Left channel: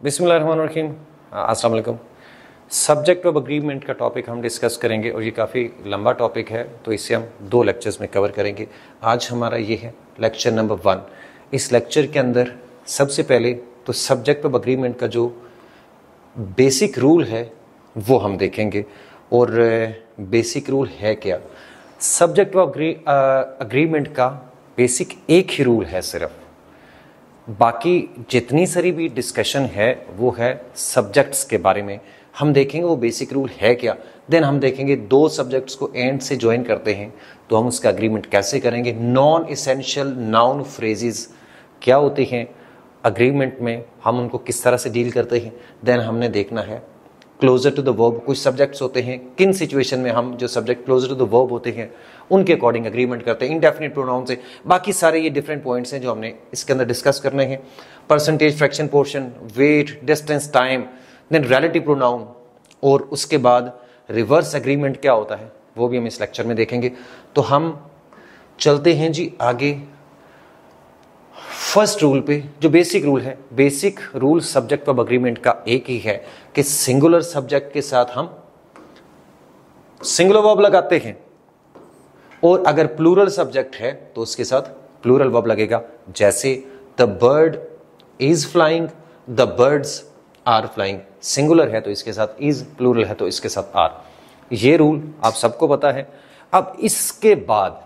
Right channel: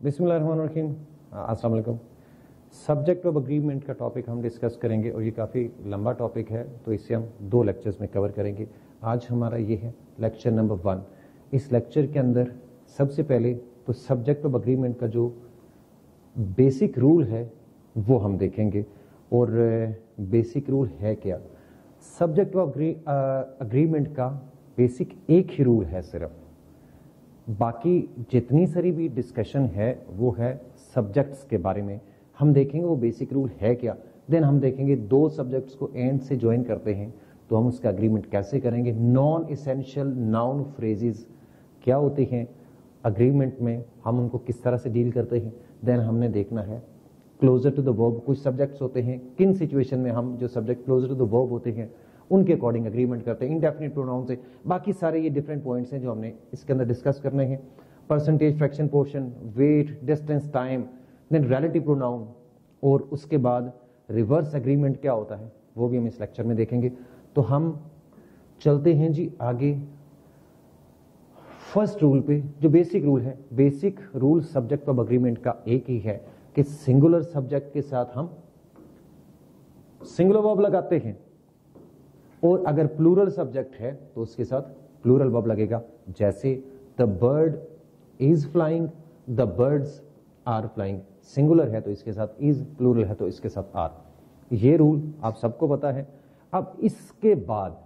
बिस्मिल्लाहिर्रहमानिर्रहीम। अस्सलाम वालेकुम। सब्जेक्ट ऑफ अग्रीमेंट का टॉपिक हम डिस्कस करेंगे और ये काफ़ी लंबा टॉपिक है, तो इसे हम 2 लेक्चर्स में कवर करेंगे। आज हमारा ये है लेक्चर नंबर 1। इस लेक्चर के अंदर सबसे पहले तो सब्जेक्ट ऑफ अग्रीमेंट का जो बेसिक रूल है वो हम देखेंगे। और बेसिक रूल है क्या? सब्जेक्ट ऑफ अग्रीमेंट का बेसिक एक ही रूल है सिर्फ, बाकी जितनी सारी भी डिस्कशन है वो है सब्जेक्ट्स के बारे में। हम देखेंगे वो बेसिक रूल है क्या। देन हम देखेंगे 2 सब्जेक्ट्स को एंड से ज्वाइन करते हैं तो हम उसका अग्रीमेंट कैसे करेंगे। नॉन इसेंशियल नाउन फ्रेजेस क्या होते हैं अग्रीमेंट में, हम उनको किस तरह से डील करते हैं। देन हमने देखना है क्लोजर टू द वर्ब, कुछ सब्जेक्ट्स होते हैं किन सिचुएशन में हम जो subject closer to the verb होते हैं उनके अकॉर्डिंग अग्रीमेंट करते हैं, इंडेफिनिट प्रोनाउन से। बाकी सारे ये डिफरेंट पॉइंट्स हैं जो हमने इसके अंदर डिस्कस करने हैं। Percentage, fraction, portion, weight, distance, time, then relative pronoun, और उसके बाद रिवर्स एग्रीमेंट क्या होता है वो भी हम इस लेक्चर में देखेंगे। तो हम चलते हैं जी आगे फर्स्ट रूल पे, जो बेसिक रूल है। Basic rule subject of agreement का एक ही है कि सिंगुलर सब्जेक्ट के साथ हम सिंगुलर वर्ब लगाते हैं, और अगर प्लूरल सब्जेक्ट है तो उसके साथ प्लूरल वर्ब लगेगा। जैसे the bird is flying, the birds are flying. Singular है तो इसके साथ इज, प्लूरल है तो इसके साथ आर। ये रूल आप सबको पता है। अब इसके बाद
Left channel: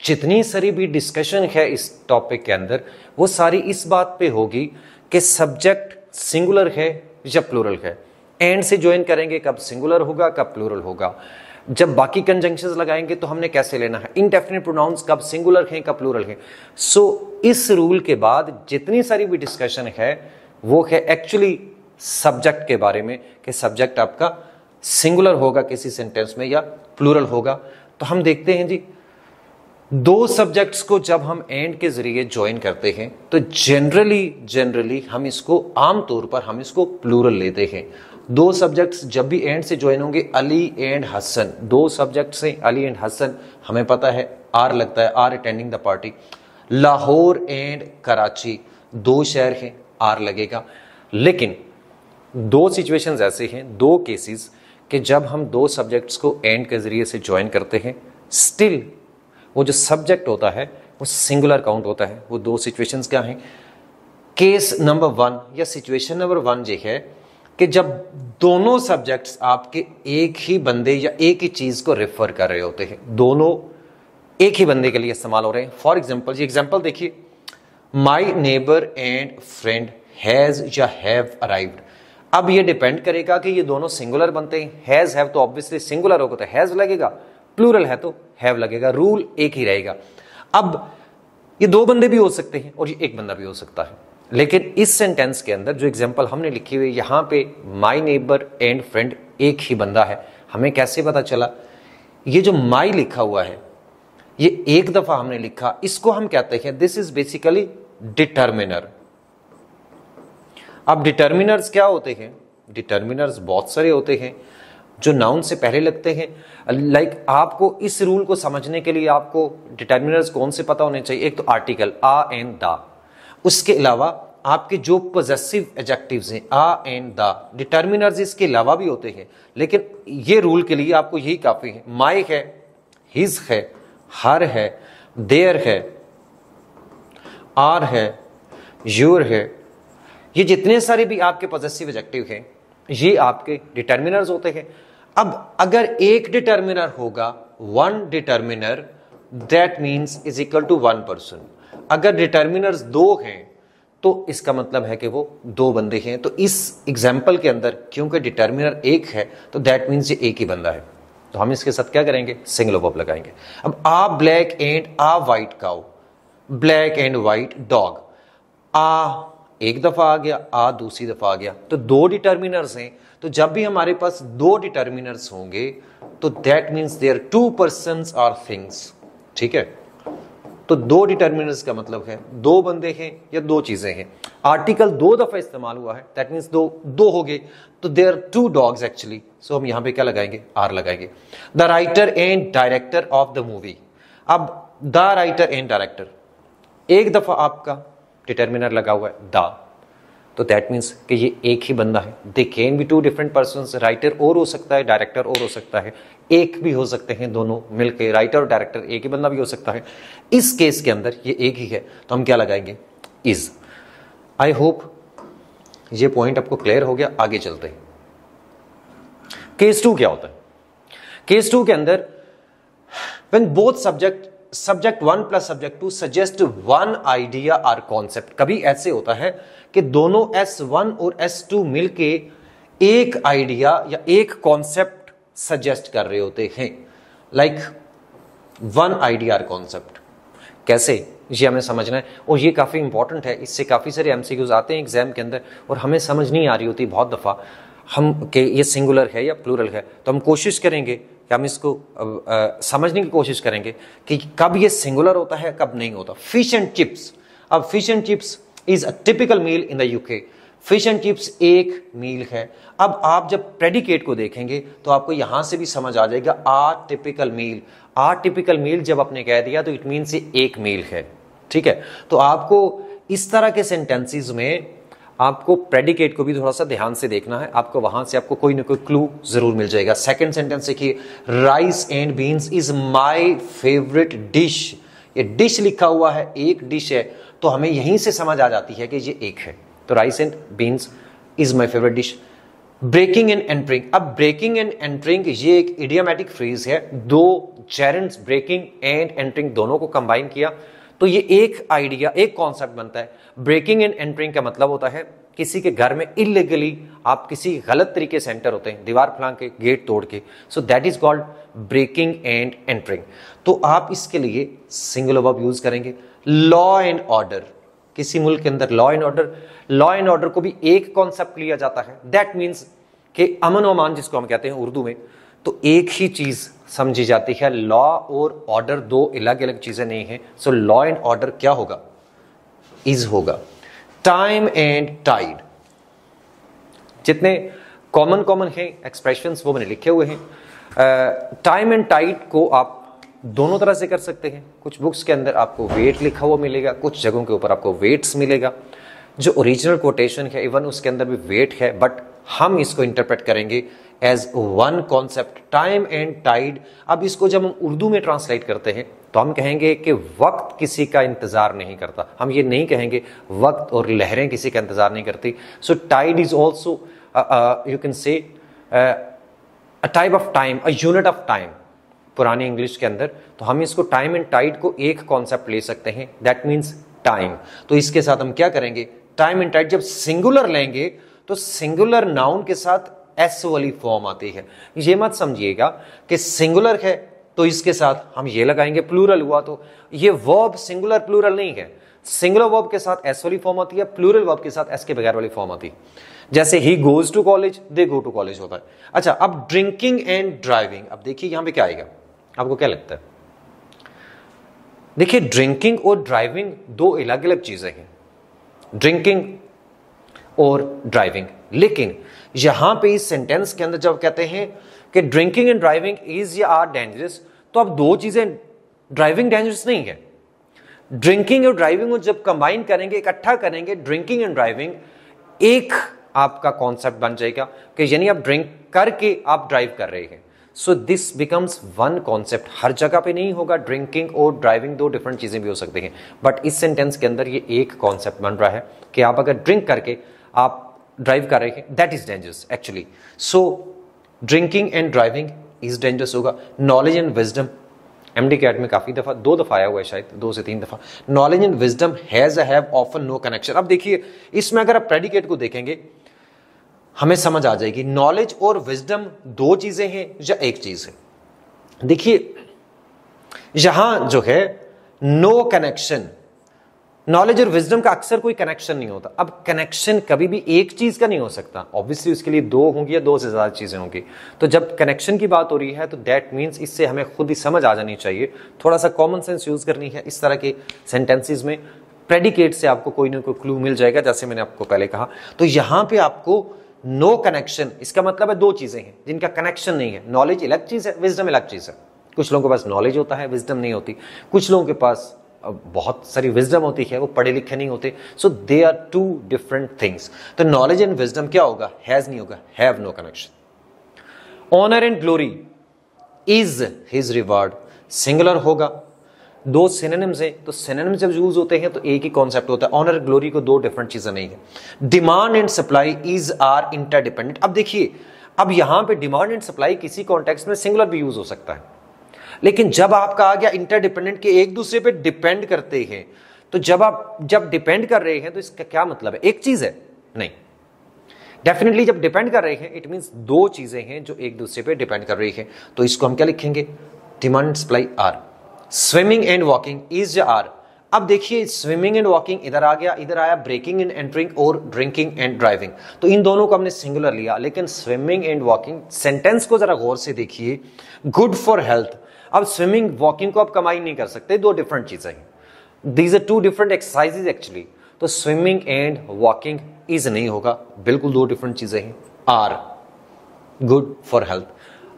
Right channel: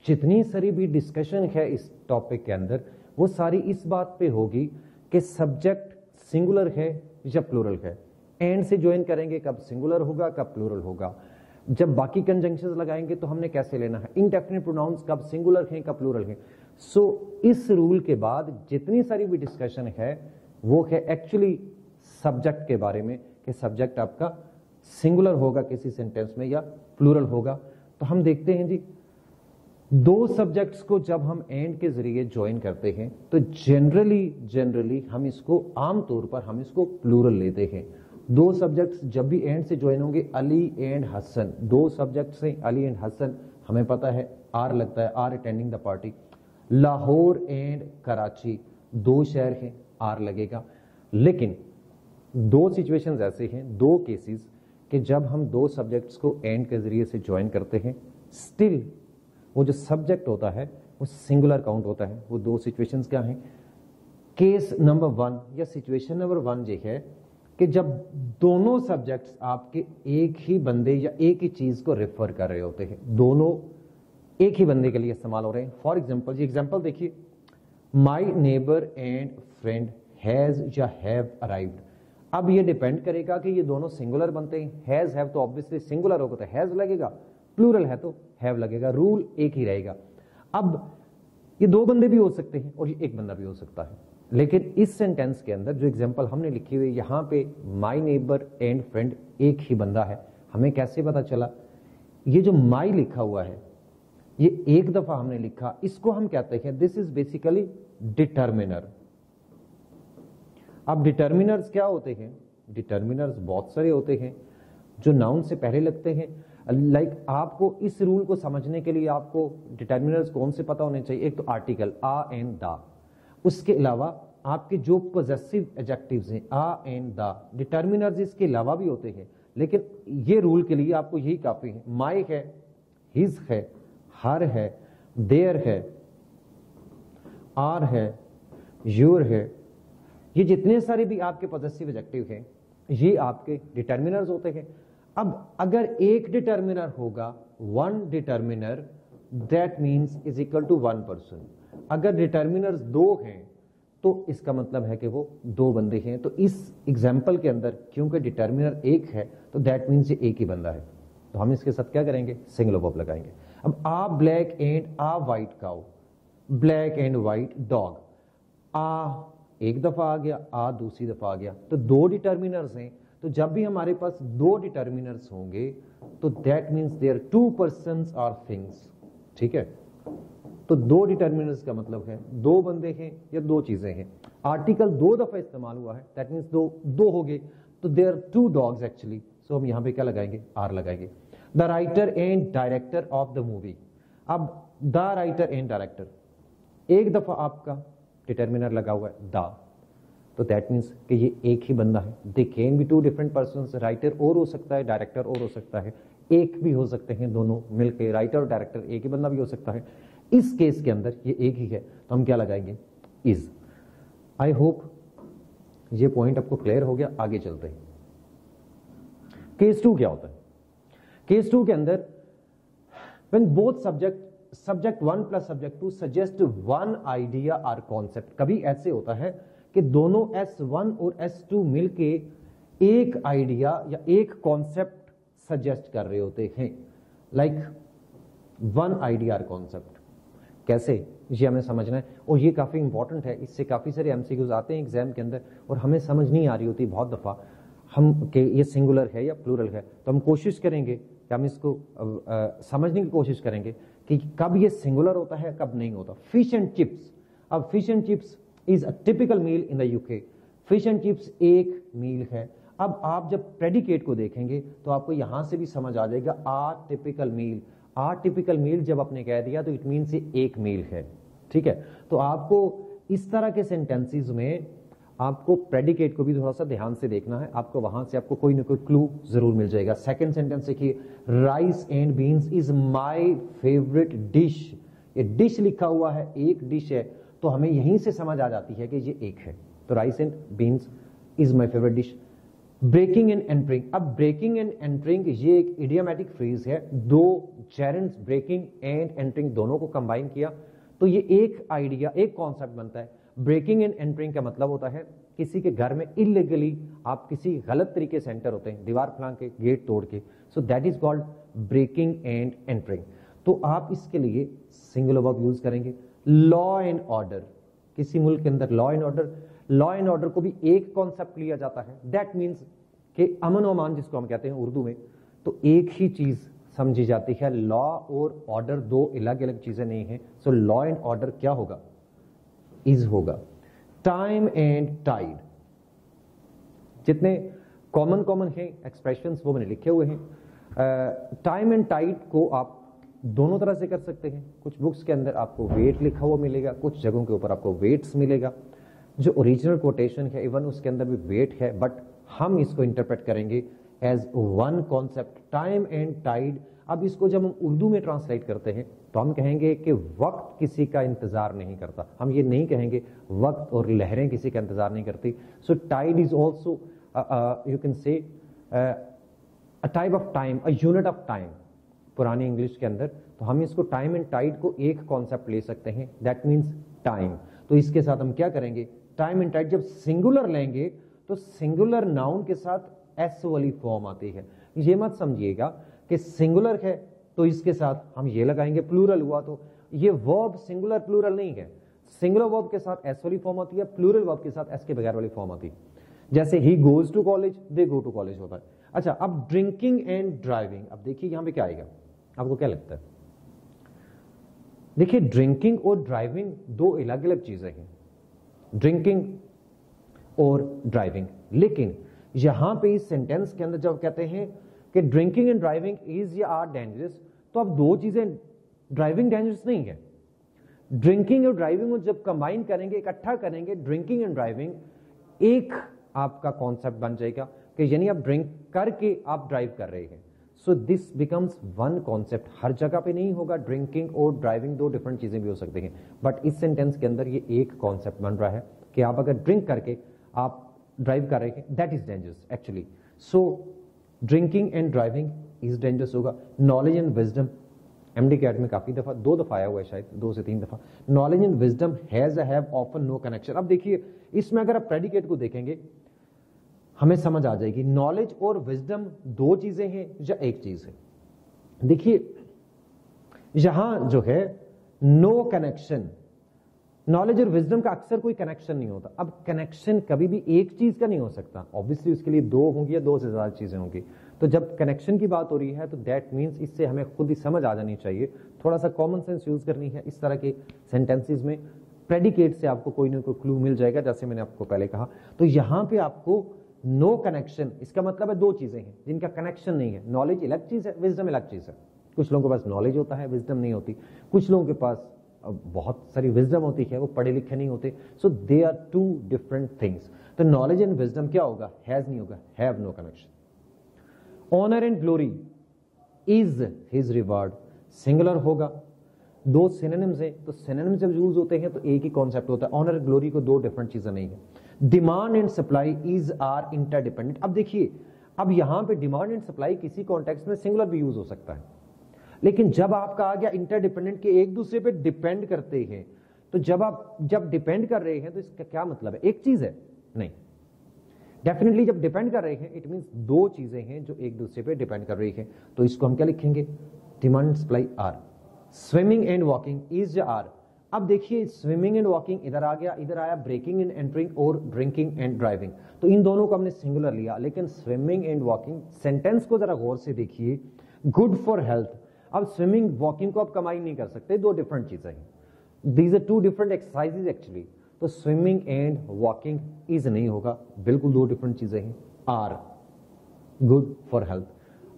जितनी सारी भी डिस्कशन है इस टॉपिक के अंदर वो सारी इस बात पे होगी कि सब्जेक्ट सिंगुलर है या प्लूरल है। एंड से ज्वाइन करेंगे कब सिंगुलर होगा कब प्लूरल होगा। जब बाकी कंजंक्शंस लगाएंगे तो हमने कैसे लेना है, इंडेफिनिट प्रोनाउंस कब सिंगुलर हैं कब प्लूरल हैं। सो इस रूल के बाद जितनी सारी भी डिस्कशन है वो है एक्चुअली सब्जेक्ट के बारे में कि सब्जेक्ट आपका सिंगुलर होगा किसी सेंटेंस में या प्लूरल होगा। तो हम देखते हैं जी 2 सब्जेक्ट्स को जब हम एंड के जरिए ज्वाइन करते हैं तो जनरली हम इसको आमतौर पर हम इसको प्लूरल लेते हैं। 2 सब्जेक्ट्स जब भी एंड से ज्वाइन होंगे, अली एंड हसन, 2 सब्जेक्ट्स हैं अली एंड हसन, हमें पता है आर लगता है, are attending the party. Lahore and Karachi 2 शहर हैं, आर लगेगा। लेकिन 2 सिचुएशंस ऐसे हैं, 2 केसेस कि जब हम 2 सब्जेक्ट्स को एंड के जरिए से ज्वाइन करते हैं स्टिल वो जो सब्जेक्ट होता है वो सिंगुलर काउंट होता है। वो 2 सिचुएशंस क्या हैं? केस नंबर 1 या सिचुएशन नंबर 1 ये है कि जब दोनों सब्जेक्ट्स आपके एक ही बंदे या एक ही चीज को रेफर कर रहे होते हैं, दोनों एक ही बंदे के लिए इस्तेमाल हो रहे हैं। फॉर एग्जाम्पल, ये एग्जाम्पल देखिए, my neighbour and friend has या हैव अराइव्ड। अब ये डिपेंड करेगा कि ये दोनों सिंगुलर बनते हैं। हैज हैव तो ऑब्वियसली सिंगुलर होगा तो हैज लगेगा, प्लूरल है तो हैव लगेगा, रूल एक ही रहेगा। अब ये 2 बंदे भी हो सकते हैं और ये एक बंदा भी हो सकता है। लेकिन इस सेंटेंस के अंदर जो एग्जांपल हमने लिखी हुई यहां पे माई नेबर एंड फ्रेंड एक ही बंदा है। हमें कैसे पता चला? ये जो माई लिखा हुआ है ये एक दफा हमने लिखा, इसको हम कहते हैं दिस इज बेसिकली डिटर्मिनर। अब डिटर्मिनर्स क्या होते हैं? डिटर्मिनर्स बहुत सारे होते हैं जो नाउन से पहले लगते हैं। लाइक आपको इस रूल को समझने के लिए आपको डिटर्मिनर्स कौन से पता होने चाहिए? एक तो आर्टिकल आ एंड दा, उसके अलावा आपके जो पॉजेसिव एडजेक्टिव्स हैं आ एंड दा। डिटर्मिनर्स इसके अलावा भी होते हैं लेकिन ये रूल के लिए आपको यही काफी है। माई है, हिज है, हर है, देयर है, आर है, योर है, ये जितने सारे भी आपके पॉजेसिव एडजेक्टिव हैं ये आपके डिटर्मिनर्स होते हैं। अब अगर एक डिटर्मिनर होगा, 1 determiner, that means is equal to 1 person. अगर डिटर्मिनर्स 2 हैं तो इसका मतलब है कि वो 2 बंदे हैं। तो इस एग्जाम्पल के अंदर क्योंकि डिटर्मिनर 1 है तो दैट मीन्स ये एक ही बंदा है, तो हम इसके साथ क्या करेंगे? सिंगुलर वर्ब लगाएंगे। अब a black and a white cow, black and white dog. A एक दफा आ गया, आ दूसरी दफा आ गया, तो 2 डिटर्मिनर्स हैं। तो जब भी हमारे पास 2 डिटर्मिनर्स होंगे तो that means there 2 persons are things. ठीक है, तो 2 डिटर्मिनर्स का मतलब है 2 बंदे हैं या 2 चीजें हैं। आर्टिकल 2 दफा इस्तेमाल हुआ है, दैट मीन्स 2 हो गए, तो देयर 2 डॉग्स एक्चुअली। सो हम यहां पे क्या लगाएंगे? आर लगाएंगे। The writer and director of the movie. अब द राइटर एंड डायरेक्टर, एक दफा आपका डिटर्मिनर लगा हुआ है द, तो दैट मीन्स कि ये एक ही बंदा है। They can be two different persons, writer और हो सकता है, डायरेक्टर और हो सकता है, एक भी हो सकते हैं दोनों मिलके, राइटर और डायरेक्टर एक ही बंदा भी हो सकता है। इस केस के अंदर ये एक ही है, तो हम क्या लगाएंगे, इज। आई होप ये पॉइंट आपको क्लियर हो गया। आगे चलते हैं। केस 2 क्या होता है? केस 2 के अंदर when both subject 1 plus subject 2 suggest one idea or concept, कभी ऐसे होता है कि दोनों S1 और S2 मिलके एक आइडिया या एक कॉन्सेप्ट सजेस्ट कर रहे होते हैं, लाइक वन आइडिया और कॉन्सेप्ट। कैसे, ये हमें समझना है, और ये काफ़ी इंपॉर्टेंट है। इससे काफ़ी सारे MCQs आते हैं एग्जाम के अंदर और हमें समझ नहीं आ रही होती बहुत दफ़ा हम कि ये सिंगुलर है या प्लूरल है। तो हम कोशिश करेंगे कि हम इसको समझने की कोशिश करेंगे कि कब ये सिंगुलर होता है, कब नहीं होता। फिश एंड चिप्स, अब fish and chips is a typical meal in the UK. Fish and chips एक मील है। अब आप जब प्रेडिकेट को देखेंगे तो आपको यहां से भी समझ आ जाएगा, आ टिपिकल मील। आ टिपिकल मील जब आपने कह दिया तो इट मीन्स ये एक मील है, ठीक है। तो आपको इस तरह के सेंटेंसेस में आपको प्रेडिकेट को भी थोड़ा सा ध्यान से देखना है, आपको वहां से आपको कोई ना कोई क्लू जरूर मिल जाएगा। सेकंड सेंटेंस देखिए, rice and beans is my favourite dish. ये डिश लिखा हुआ है, एक डिश है, तो हमें यहीं से समझ आ जाती है कि ये एक है। तो rice and beans is my favourite dish. Breaking and entering, अब ब्रेकिंग एंड एंटरिंग ये एक इडियोमैटिक फ्रेज है। दो जेरेंड्स, ब्रेकिंग एंड एंटरिंग, दोनों को कंबाइन किया तो ये एक आइडिया, एक कॉन्सेप्ट बनता है। ब्रेकिंग एंड एंटरिंग का मतलब होता है किसी के घर में इलीगली आप किसी गलत तरीके से एंटर होते हैं, दीवार फलांग के, गेट तोड़ के, so that is called breaking and entering. तो आप इसके लिए सिंगुलर वर्ब यूज करेंगे। लॉ एंड ऑर्डर, किसी मुल्क के अंदर लॉ एंड ऑर्डर को भी एक कॉन्सेप्ट लिया जाता है। दैट मीन्स कि अमन और अमान जिसको हम कहते हैं उर्दू में, तो एक ही चीज समझी जाती है। लॉ और ऑर्डर दो अलग अलग चीजें नहीं है। सो लॉ एंड ऑर्डर क्या होगा, इज होगा। टाइम एंड टाइड, जितने कॉमन है एक्सप्रेशंस वो मैंने लिखे हुए हैं। टाइम एंड टाइड को आप दोनों तरह से कर सकते हैं। कुछ बुक्स के अंदर आपको वेट लिखा हुआ मिलेगा, कुछ जगहों के ऊपर आपको वेट्स मिलेगा। जो ओरिजिनल कोटेशन है इवन उसके अंदर भी वेट है, बट हम इसको इंटरप्रेट करेंगे as one concept, time and tide. अब इसको जब हम उर्दू में ट्रांसलेट करते हैं तो हम कहेंगे कि वक्त किसी का इंतजार नहीं करता। हम ये नहीं कहेंगे वक्त और लहरें किसी का इंतजार नहीं करती। So tide is also you can say a type of time, a unit of time पुरानी इंग्लिश के अंदर। तो हम इसको टाइम एंड टाइड को एक कॉन्सेप्ट ले सकते हैं, दैट मीन्स टाइम। तो इसके साथ हम क्या करेंगे, टाइम एंड टाइड जब सिंगुलर लेंगे तो सिंगुलर नाउन के साथ एस वाली फॉर्म आती है। ये मत समझिएगा कि सिंगुलर है तो इसके साथ हम ये लगाएंगे, प्लूरल हुआ तो ये वर्ब सिंगुलर प्लूरल नहीं है। सिंगुलर वर्ब के साथ एस वाली फॉर्म आती है, प्लूरल वर्ब के साथ एस के बगैर वाली फॉर्म आती है। जैसे ही goes to college, they go to college होता है। अच्छा, अब ड्रिंकिंग एंड ड्राइविंग, अब देखिए यहां पे क्या आएगा, आपको क्या लगता है? देखिए ड्रिंकिंग और ड्राइविंग दो अलग अलग चीजें हैं, ड्रिंकिंग और ड्राइविंग। लेकिन यहां पे इस सेंटेंस के अंदर जब कहते हैं कि ड्रिंकिंग एंड ड्राइविंग इज या आर डेंजरस, तो अब दो चीजें, ड्राइविंग डेंजरस नहीं है। ड्रिंकिंग और ड्राइविंग को जब कंबाइन करेंगे, इकट्ठा करेंगे, ड्रिंकिंग एंड ड्राइविंग एक आपका कॉन्सेप्ट बन जाएगा कि यानी आप ड्रिंक करके आप ड्राइव कर रहे हैं। So this becomes one concept. हर जगह पे नहीं होगा, ड्रिंकिंग और ड्राइविंग दो डिफरेंट चीजें भी हो सकती हैं, बट इस सेंटेंस के अंदर ये एक कॉन्सेप्ट बन रहा है कि आप अगर ड्रिंक करके आप ड्राइव कर रहे हैं, that is dangerous actually. So drinking and driving is dangerous होगा। Knowledge and wisdom, MD CAT में काफी दफा, 2 दफा आया हुआ है शायद, 2 से 3 दफा। Knowledge and wisdom has have often no connection. अब देखिए इसमें अगर आप प्रेडिकेट को देखेंगे हमें समझ आ जाएगी, नॉलेज और विजडम दो चीजें हैं या एक चीज है। देखिए यहां जो है नो कनेक्शन, नॉलेज और विजडम का अक्सर कोई कनेक्शन नहीं होता। अब कनेक्शन कभी भी एक चीज का नहीं हो सकता, ऑब्वियसली उसके लिए दो होंगी या 2 से ज्यादा चीजें होंगी। तो जब कनेक्शन की बात हो रही है तो दैट मीन्स इससे हमें खुद ही समझ आ जानी चाहिए, थोड़ा सा कॉमन सेंस यूज करनी है। इस तरह के सेंटेंसेस में प्रेडिकेट से आपको कोई ना कोई क्लू मिल जाएगा, जैसे मैंने आपको पहले कहा। तो यहां पे आपको नो कनेक्शन, इसका मतलब है दो चीजें हैं जिनका कनेक्शन नहीं है। नॉलेज अलग चीज है, विजडम अलग चीज है। कुछ लोगों के पास नॉलेज होता है, विजडम नहीं होती। कुछ लोगों के पास बहुत सारी विजडम होती है, वो पढ़े लिखे नहीं होते। So they are two different things. तो नॉलेज एंड विजडम क्या होगा? हैज नहीं होगा, have no connection. Honour and glory is his reward, singular होगा। दो सिनोनिम्स है, तो सिनोनिम जब यूज होते हैं तो एक ही कॉन्सेप्ट होता है। ऑनर ग्लोरी को दो डिफरेंट चीजें नहीं है। Demand and supply is are interdependent. अब देखिए, अब यहां पे डिमांड एंड सप्लाई किसी कॉन्टेक्स्ट में सिंगुलर भी यूज हो सकता है, लेकिन जब आपका आ गया इंटरडिपेंडेंट के एक दूसरे पे डिपेंड करते हैं, तो जब डिपेंड कर रहे हैं तो इसका क्या मतलब है? एक चीज है? नहीं, डेफिनेटली जब डिपेंड कर रहे हैं इट मींस दो चीजें हैं जो एक दूसरे पे डिपेंड कर रही हैं। तो इसको हम क्या लिखेंगे? Demand and supply are. Swimming and walking is are. अब देखिए, स्विमिंग एंड वॉकिंग इधर आ गया, इधर आया ब्रेकिंग एंड एंटरिंग और ड्रिंकिंग एंड ड्राइविंग। तो इन दोनों को हमने सिंगुलर लिया, लेकिन स्विमिंग एंड वॉकिंग सेंटेंस को जरा गौर से देखिए, गुड फॉर हेल्थ। अब स्विमिंग वॉकिंग को आप कंबाइन नहीं कर सकते, दो डिफरेंट चीजें हैं। These are two different exercises actually. तो स्विमिंग एंड वॉकिंग इज नहीं होगा, बिल्कुल दो डिफरेंट चीजें हैं। Are good for health.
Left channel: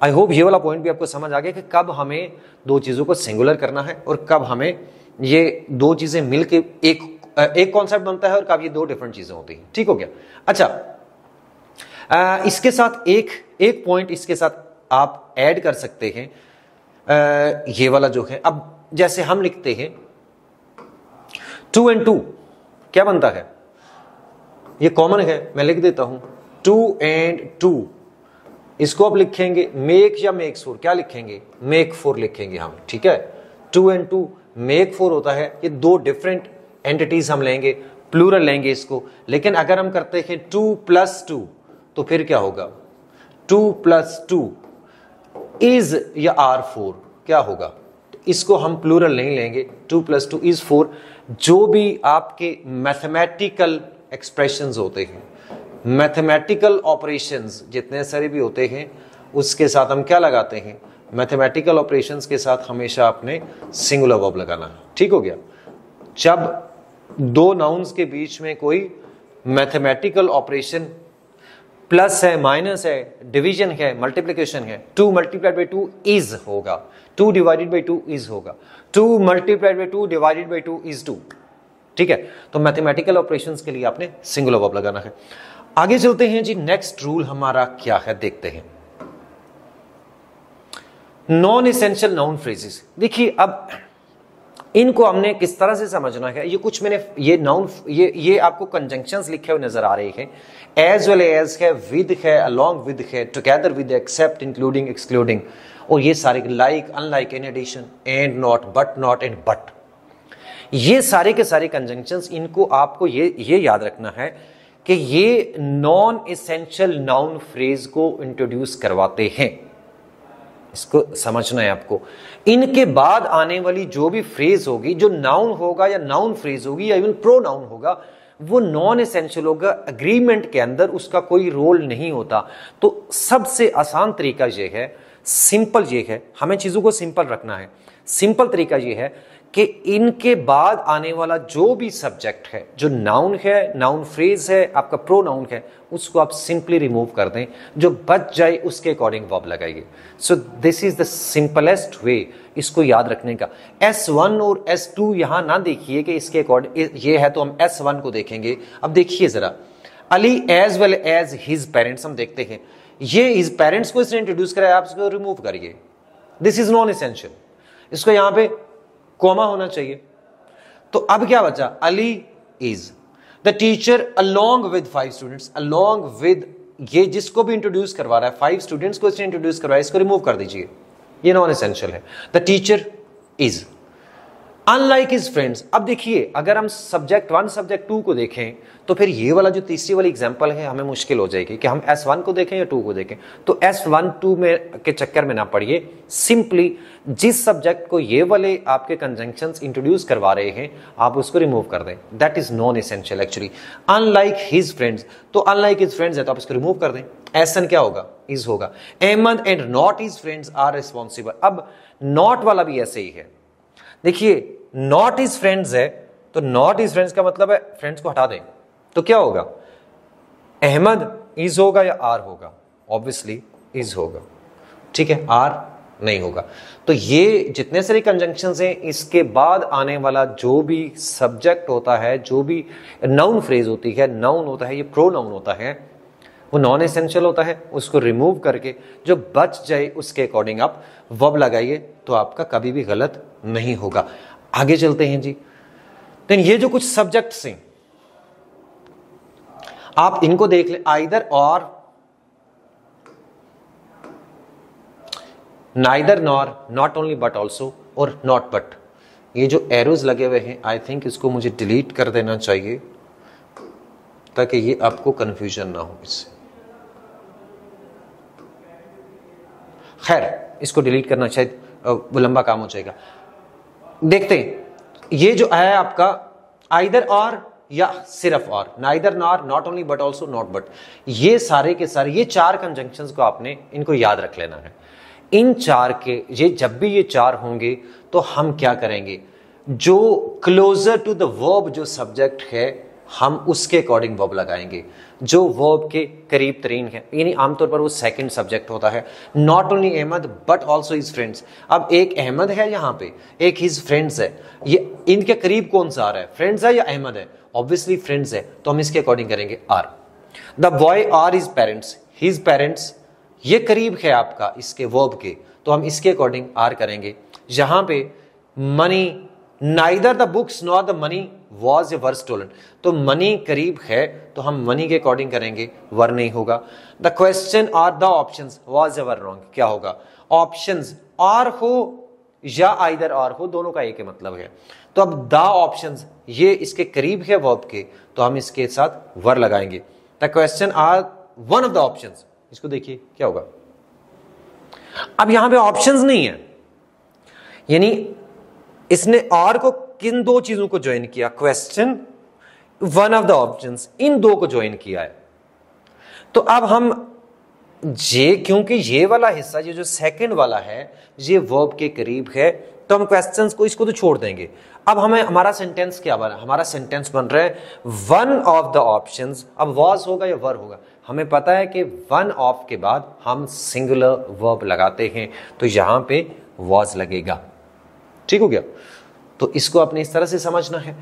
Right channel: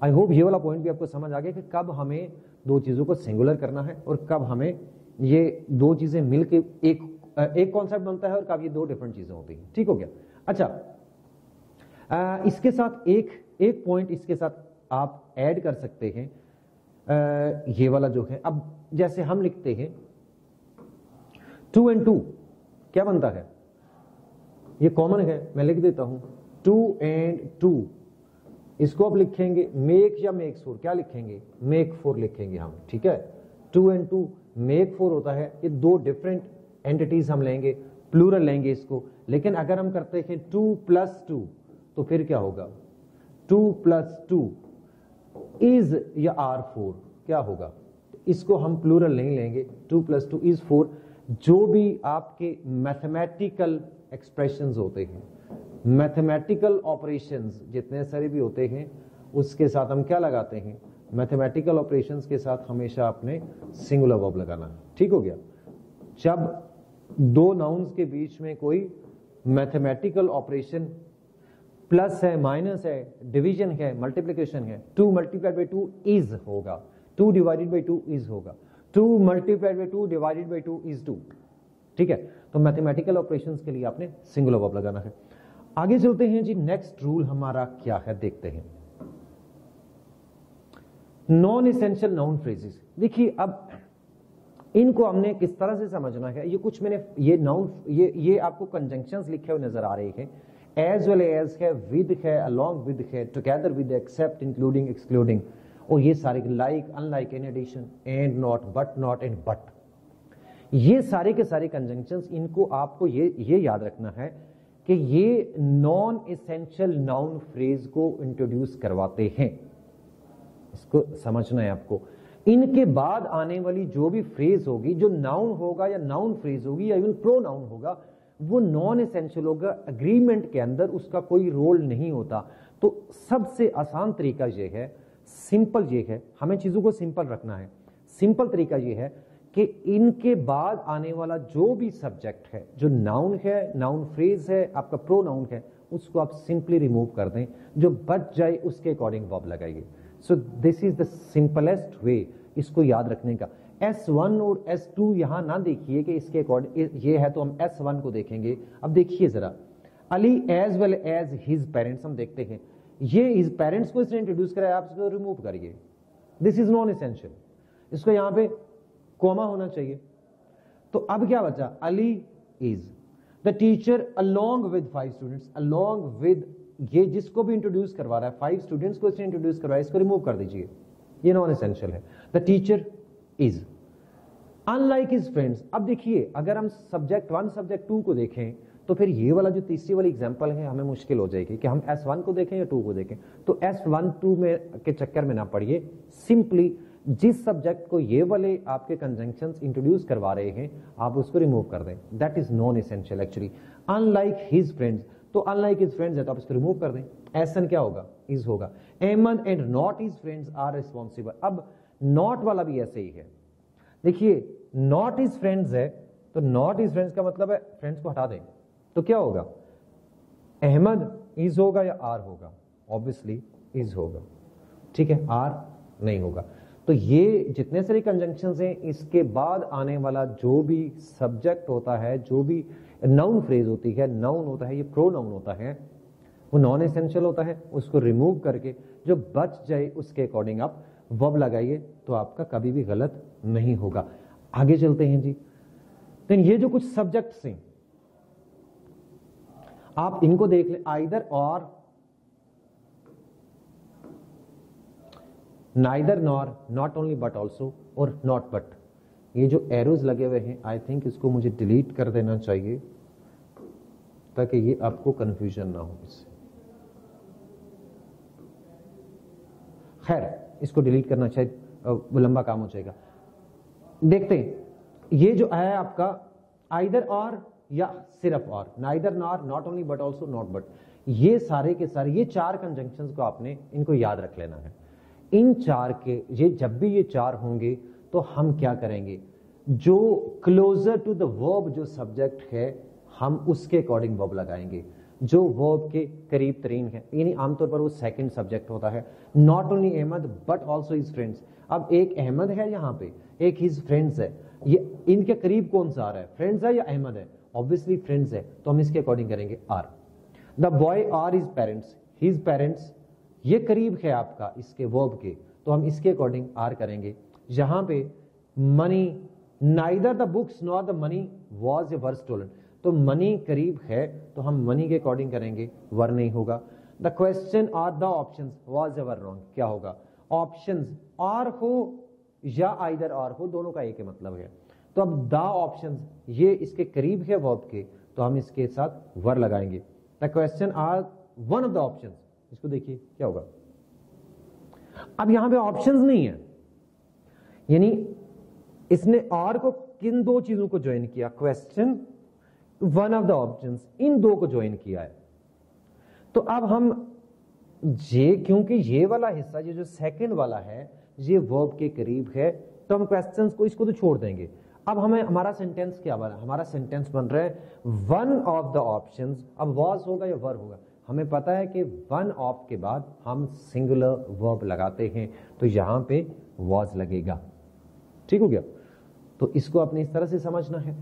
I hope ये वाला पॉइंट भी आपको समझ आ गया कि कब हमें दो चीजों को सिंगुलर करना है और कब हमें ये दो चीजें मिलके एक कॉन्सेप्ट बनता है और कब ये दो डिफरेंट चीजें होती हैं। ठीक हो गया? अच्छा, इसके साथ एक पॉइंट इसके साथ आप ऐड कर सकते हैं, ये वाला जो है। अब जैसे हम लिखते हैं 2 and 2 क्या बनता है? ये कॉमन है, मैं लिख देता हूं 2 and 2। इसको आप लिखेंगे मेक या मेक्स फॉर, क्या लिखेंगे? मेक फॉर लिखेंगे हम, ठीक है। 2 and 2 मेक फॉर होता है। ये दो डिफरेंट एंटिटीज हम लेंगे, प्लूरल लेंगे इसको। लेकिन अगर हम करते हैं 2 + 2 तो फिर क्या होगा? 2 + 2 इज या आर 4, क्या होगा? तो इसको हम प्लूरल नहीं लेंगे, 2 + 2 इज 4। जो भी आपके मैथमेटिकल एक्सप्रेशंस होते हैं, मैथमेटिकल ऑपरेशंस जितने सारे भी होते हैं, उसके साथ हम क्या लगाते हैं? मैथमेटिकल ऑपरेशंस के साथ हमेशा अपने सिंगुलर वर्ब लगाना है। ठीक हो गया? जब दो नाउन्स के बीच में कोई मैथमेटिकल ऑपरेशन प्लस है, माइनस है, डिवीजन है, मल्टीप्लिकेशन है, 2 × 2 इज होगा, 2 / 2 इज होगा, 2 × 2 / 2 इज 2। ठीक है? तो मैथमेटिकल ऑपरेशंस के लिए आपने सिंगुलर वर्ब लगाना है। आगे चलते हैं जी, नेक्स्ट रूल हमारा क्या है देखते हैं। Non essential noun phrases. देखिए, अब इनको हमने किस तरह से समझना है? ये कुछ मैंने ये नाउन ये आपको कंजंक्शंस लिखे हुए नजर आ रहे हैं। एज वेल एज है, विद है, अलोंग विद है, together with, except, including, excluding, और ये सारे like, unlike, in addition, and, not, but, and but. ये सारे के सारे कंजंक्शंस, इनको आपको ये याद रखना है कि ये नॉन एसेंशियल नाउन फ्रेज को इंट्रोड्यूस करवाते हैं। इसको समझना है आपको। इनके बाद आने वाली जो भी फ्रेज होगी, जो नाउन होगा या नाउन फ्रेज होगी या इवन प्रोनाउन होगा, वो नॉन एसेंशियल होगा। एग्रीमेंट के अंदर उसका कोई रोल नहीं होता। तो सबसे आसान तरीका यह है, सिंपल ये है, हमें चीजों को सिंपल रखना है। सिंपल तरीका यह है कि इनके बाद आने वाला जो भी सब्जेक्ट है, जो नाउन है, नाउन फ्रेज है, आपका प्रोनाउन है, उसको आप सिंपली रिमूव कर दें। जो बच जाए उसके अकॉर्डिंग वर्ब लगाइए। So this is the simplest way इसको याद रखने का। S1 और S2 यहां ना देखिए कि इसके अकॉर्डिंग ये है तो हम S1 को देखेंगे। अब देखिए जरा, Ali as well as his parents, हम देखते हैं ये हिज पेरेंट्स को इसने इंट्रोड्यूस कराया, आप इसको रिमूव करिए। This is non essential. इसको यहां पे कॉमा होना चाहिए। तो अब क्या बचा? Ali is the teacher along with 5 students. Along with, ये जिसको भी इंट्रोड्यूस करवा रहा है, 5 स्टूडेंट्स को इसने इंट्रोड्यूस करवाया, इसको रिमूव कर दीजिए, ये नॉन एसेंशियल है। The teacher is unlike his friends. अब देखिए, अगर हम सब्जेक्ट 1 सब्जेक्ट 2 को देखें तो फिर ये वाला जो तीसरी वाली एग्जांपल है हमें मुश्किल हो जाएगी कि हम S1 को देखें या 2 को देखें। तो S1 2 में के चक्कर में ना पड़िए, सिंपली जिस सब्जेक्ट को ये वाले आपके कंजंक्शंस इंट्रोड्यूस करवा रहे हैं आप उसको रिमूव कर दें। That is non essential actually. Unlike his friends, तो अनलाइक हिज फ्रेंड्स है तो आप इसको रिमूव कर दें। एसन क्या होगा? इज होगा। Ahmad and not his friends are responsible. अब नॉट वाला भी ऐसे ही है। देखिए, नॉट हिज फ्रेंड्स है तो नॉट हिज फ्रेंड्स का मतलब है फ्रेंड्स को हटा दें, तो क्या होगा? अहमद इज होगा या आर होगा? ऑब्वियसली इज होगा। ठीक है, आर नहीं होगा। तो ये जितने सारे कंजंक्शंस हैं, इसके बाद आने वाला जो भी सब्जेक्ट होता है, जो भी नाउन फ्रेज होती है, नाउन होता है, ये प्रोनाउन होता है, वो नॉन एसेंशियल होता है। उसको रिमूव करके जो बच जाए उसके अकॉर्डिंग आप वर्ब लगाइए, तो आपका कभी भी गलत नहीं होगा। आगे चलते हैं जी। देन ये जो कुछ सब्जेक्ट्स हैं आप इनको देख ले, आइदर और, neither nor, not only but also, और नॉट बट। ये जो एरोज लगे हुए हैं, आई थिंक इसको मुझे डिलीट कर देना चाहिए ताकि ये आपको कंफ्यूजन ना हो इससे। खैर इसको डिलीट करना शायद लंबा काम हो जाएगा। देखते हैं, ये जो है आपका आइदर और या सिर्फ और, neither nor, not only but also, not but, ये सारे के सारे ये चार कंजंक्शंस को आपने इनको याद रख लेना है। इन चार के ये जब भी ये चार होंगे तो हम क्या करेंगे, जो क्लोजर टू द वर्ब जो सब्जेक्ट है हम उसके अकॉर्डिंग वर्ब लगाएंगे, जो वर्ब के करीब तरीन है, यानी आमतौर पर वो सेकंड सब्जेक्ट होता है। Not only Ahmad but also his friends. अब एक अहमद है यहाँ पे, एक हिज फ्रेंड्स है, ये इनके करीब कौन सा आ रहा है, फ्रेंड्स है या अहमद है? ऑब्वियसली फ्रेंड्स है, तो हम इसके अकॉर्डिंग करेंगे are. The boy or his parents, his parents ये करीब है आपका इसके वर्ब के, तो हम इसके अकॉर्डिंग आर करेंगे। यहां पे money, neither the books nor the money was a were stolen, तो मनी करीब है तो हम मनी के अकॉर्डिंग करेंगे, वर नहीं होगा। द क्वेश्चन और the options was ever wrong, क्या होगा, ऑप्शंस और हो या आइदर और हो, दोनों का एक ही मतलब है। तो अब द ऑप्शंस ये इसके करीब है वर्ब के, तो हम इसके साथ वर लगाएंगे। The question are one of the options, इसको देखिए क्या होगा। अब यहां पे ऑप्शंस नहीं है, यानी इसने और को किन दो चीजों को ज्वाइन किया, question, one of the options, इन दो को ज्वाइन किया है। तो अब हम ये, क्योंकि ये वाला हिस्सा ये जो सेकंड वाला है ये वर्ब के करीब है, तो हम क्वेश्चंस को इसको तो छोड़ देंगे। अब हमें हमारा सेंटेंस क्या बना, हमारा सेंटेंस बन रहा है वन ऑफ द ऑप्शंस। अब वॉज होगा या वर होगा, हमें पता है कि वन ऑफ के बाद हम सिंगुलर वर्ब लगाते हैं, तो यहां पे वॉज लगेगा। ठीक हो गया, तो इसको आपने इस तरह से समझना है।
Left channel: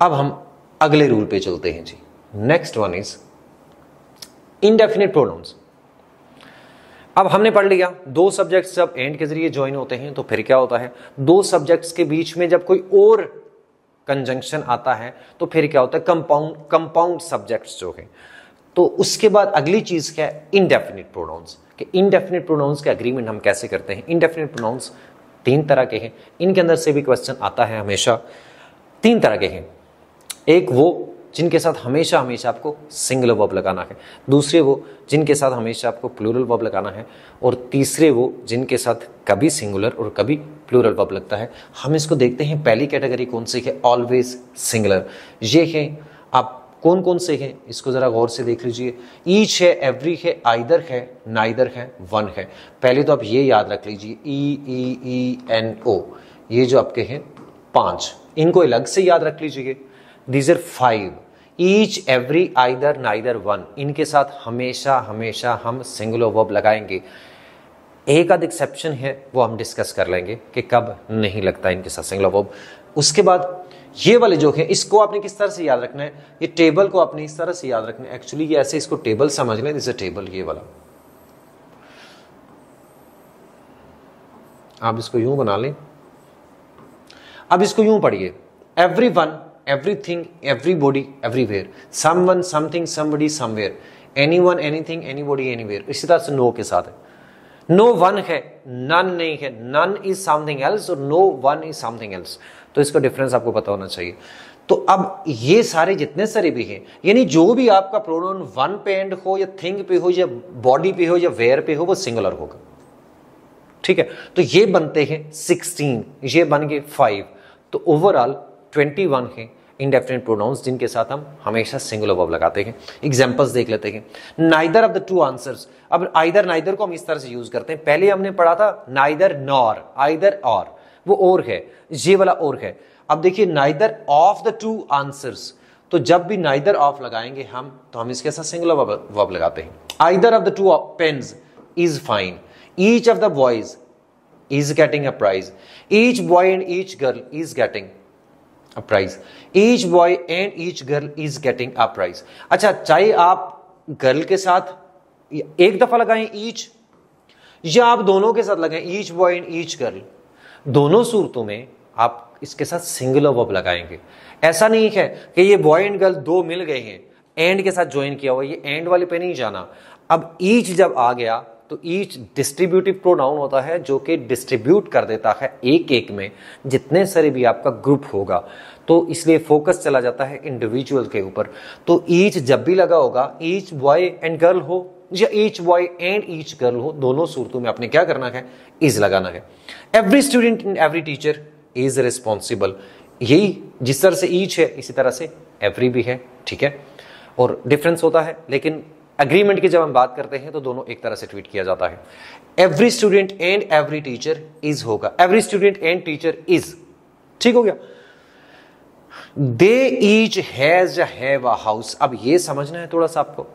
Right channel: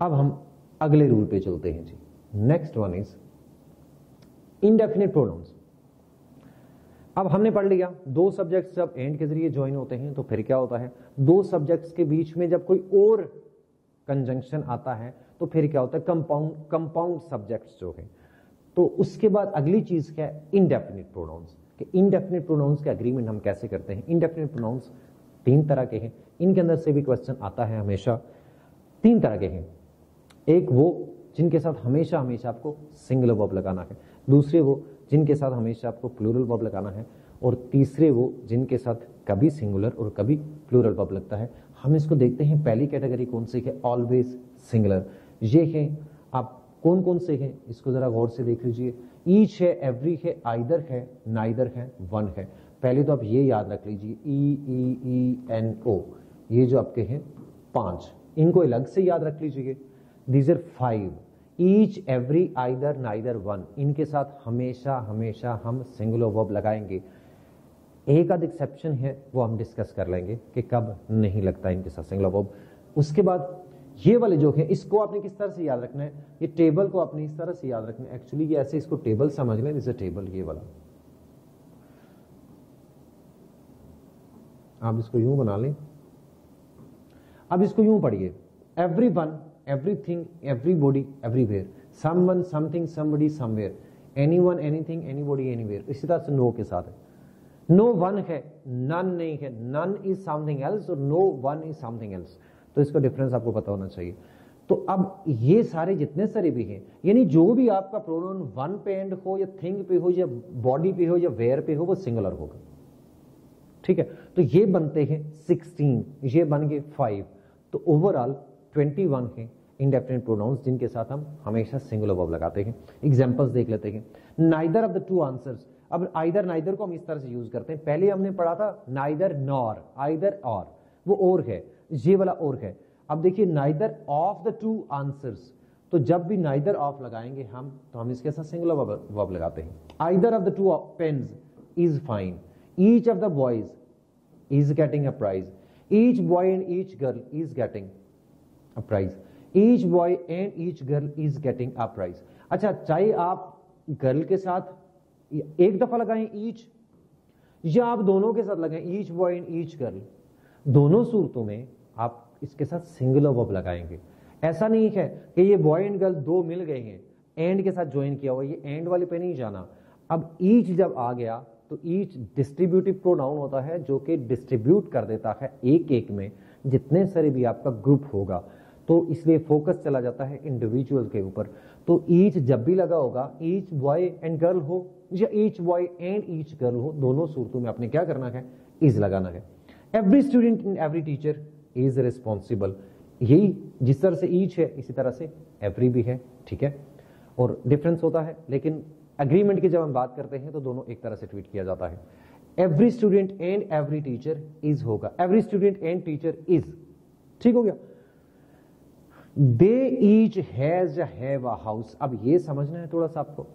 अब हम अगले रूल पे चलते हैं जी। Next one is indefinite pronouns. अब हमने पढ़ लिया दो सब्जेक्ट्स जब एंड के जरिए ज्वाइन होते हैं तो फिर क्या होता है, दो सब्जेक्ट्स के बीच में जब कोई और कंजंक्शन आता है तो फिर क्या होता है, कंपाउंड सब्जेक्ट्स जो है। तो उसके बाद अगली चीज क्या है, इंडेफिनिट प्रोनाउंस। कि इंडेफिनिट प्रोनाउंस के एग्रीमेंट हम कैसे करते हैं। इंडेफिनिट प्रोनाउंस तीन तरह के हैं, इनके अंदर से भी क्वेश्चन आता है हमेशा। तीन तरह के हैं, एक वो जिनके साथ हमेशा हमेशा आपको सिंगुलर वर्ब लगाना है, दूसरे वो जिनके साथ हमेशा आपको प्लूरल वर्ब लगाना है, और तीसरे वो जिनके साथ कभी सिंगुलर और कभी प्लूरल वर्ब लगता है। हम इसको देखते हैं, पहली कैटेगरी कौन सी है, ऑलवेज सिंगुलर। ये है, आप कौन कौन से हैं इसको जरा गौर से देख लीजिए। ईच है, एवरी है, आइदर है, नाइदर है, वन है। पहले तो आप ये याद रख लीजिए, EEENO, ये जो आपके हैं पांच, इनको अलग से याद रख लीजिए। These are 5, each, every, either, neither, one, इनके साथ हमेशा हमेशा हम सिंगुलर वर्ब लगाएंगे। एक आध एक्सेप्शन है, वो हम डिस्कस कर लेंगे कि कब नहीं लगता इनके साथ सिंगुलर वर्ब। उसके बाद ये वाले जो है, इसको आपने किस तरह से याद रखना है, ये टेबल को आपने इस तरह से याद रखना है। एक्चुअली ये ऐसे इसको टेबल समझ लें, दिस टेबल, ये वाला आप इसको यूं बना लें। अब इसको यूं पढ़िए, everyone, everything, everybody, everywhere, someone, something, somebody, somewhere, anyone, anything, anybody, anywhere। इसी तरह से नो के साथ है, नो वन है, नन नहीं है, नन इज समथिंग एल्स और no one is something else. तो इसका डिफरेंस आपको पता होना चाहिए। तो अब ये सारे जितने सारे भी हैं, यानी जो भी आपका प्रोनाउन वन पे एंड हो या थिंग पे हो या बॉडी पे हो या वेयर पे हो, वो सिंगुलर होगा। ठीक है, तो ये बनते हैं 16, ये बन गए 5, तो ओवरऑल 21 है इंडेफिनिट प्रोनाउंस जिनके साथ हम हमेशा सिंगुलर वर्ब लगाते हैं। एग्जांपल्स देख लेते हैं। Neither of the two answers. अब आइदर नाइदर को हम इस तरह से यूज करते हैं, पहले हमने पढ़ा था नाइदर नॉर, आइदर और, वो और है, ये वाला और है। अब देखिए neither of the two answers, तो जब भी नाइदर ऑफ लगाएंगे हम, तो हम इसके साथ सिंगुलर वर्ब लगाते हैं। Either of the two pens is fine, each of the boys is getting a prize, each boy and each girl is getting a prize, each boy and each girl is getting a prize. अच्छा, चाहे आप girl के साथ एक दफा लगाएं each, या आप दोनों के साथ लगाएं each boy and each girl, दोनों सूरतों में आप इसके साथ सिंगुलर वर्ब लगाएंगे। ऐसा नहीं है कि ये बॉय एंड गर्ल दो मिल गए हैं, एंड के साथ ज्वाइन किया हुआ, ये एंड वाले पे नहीं जाना। अब ईच जब आ गया तो ईच डिस्ट्रीब्यूटिव प्रोनाउन होता है जो कि डिस्ट्रीब्यूट कर देता है एक एक में जितने सारे भी आपका ग्रुप होगा, तो इसलिए फोकस चला जाता है इंडिविजुअल के ऊपर। तो ईच जब भी लगा होगा, ईच बॉय एंड गर्ल हो या each boy and each girl हो, दोनों सूरतों में आपने क्या करना है, इज लगाना है। Every student and every teacher is responsible, यही जिस तरह से ईच है इसी तरह से एवरी भी है, ठीक है, और डिफरेंस होता है, लेकिन एग्रीमेंट की जब हम बात करते हैं तो दोनों एक तरह से ट्रीट किया जाता है। Every student and every teacher is होगा, every student and teacher is, ठीक हो गया। They each has have a house, अब ये समझना है थोड़ा सा आपको,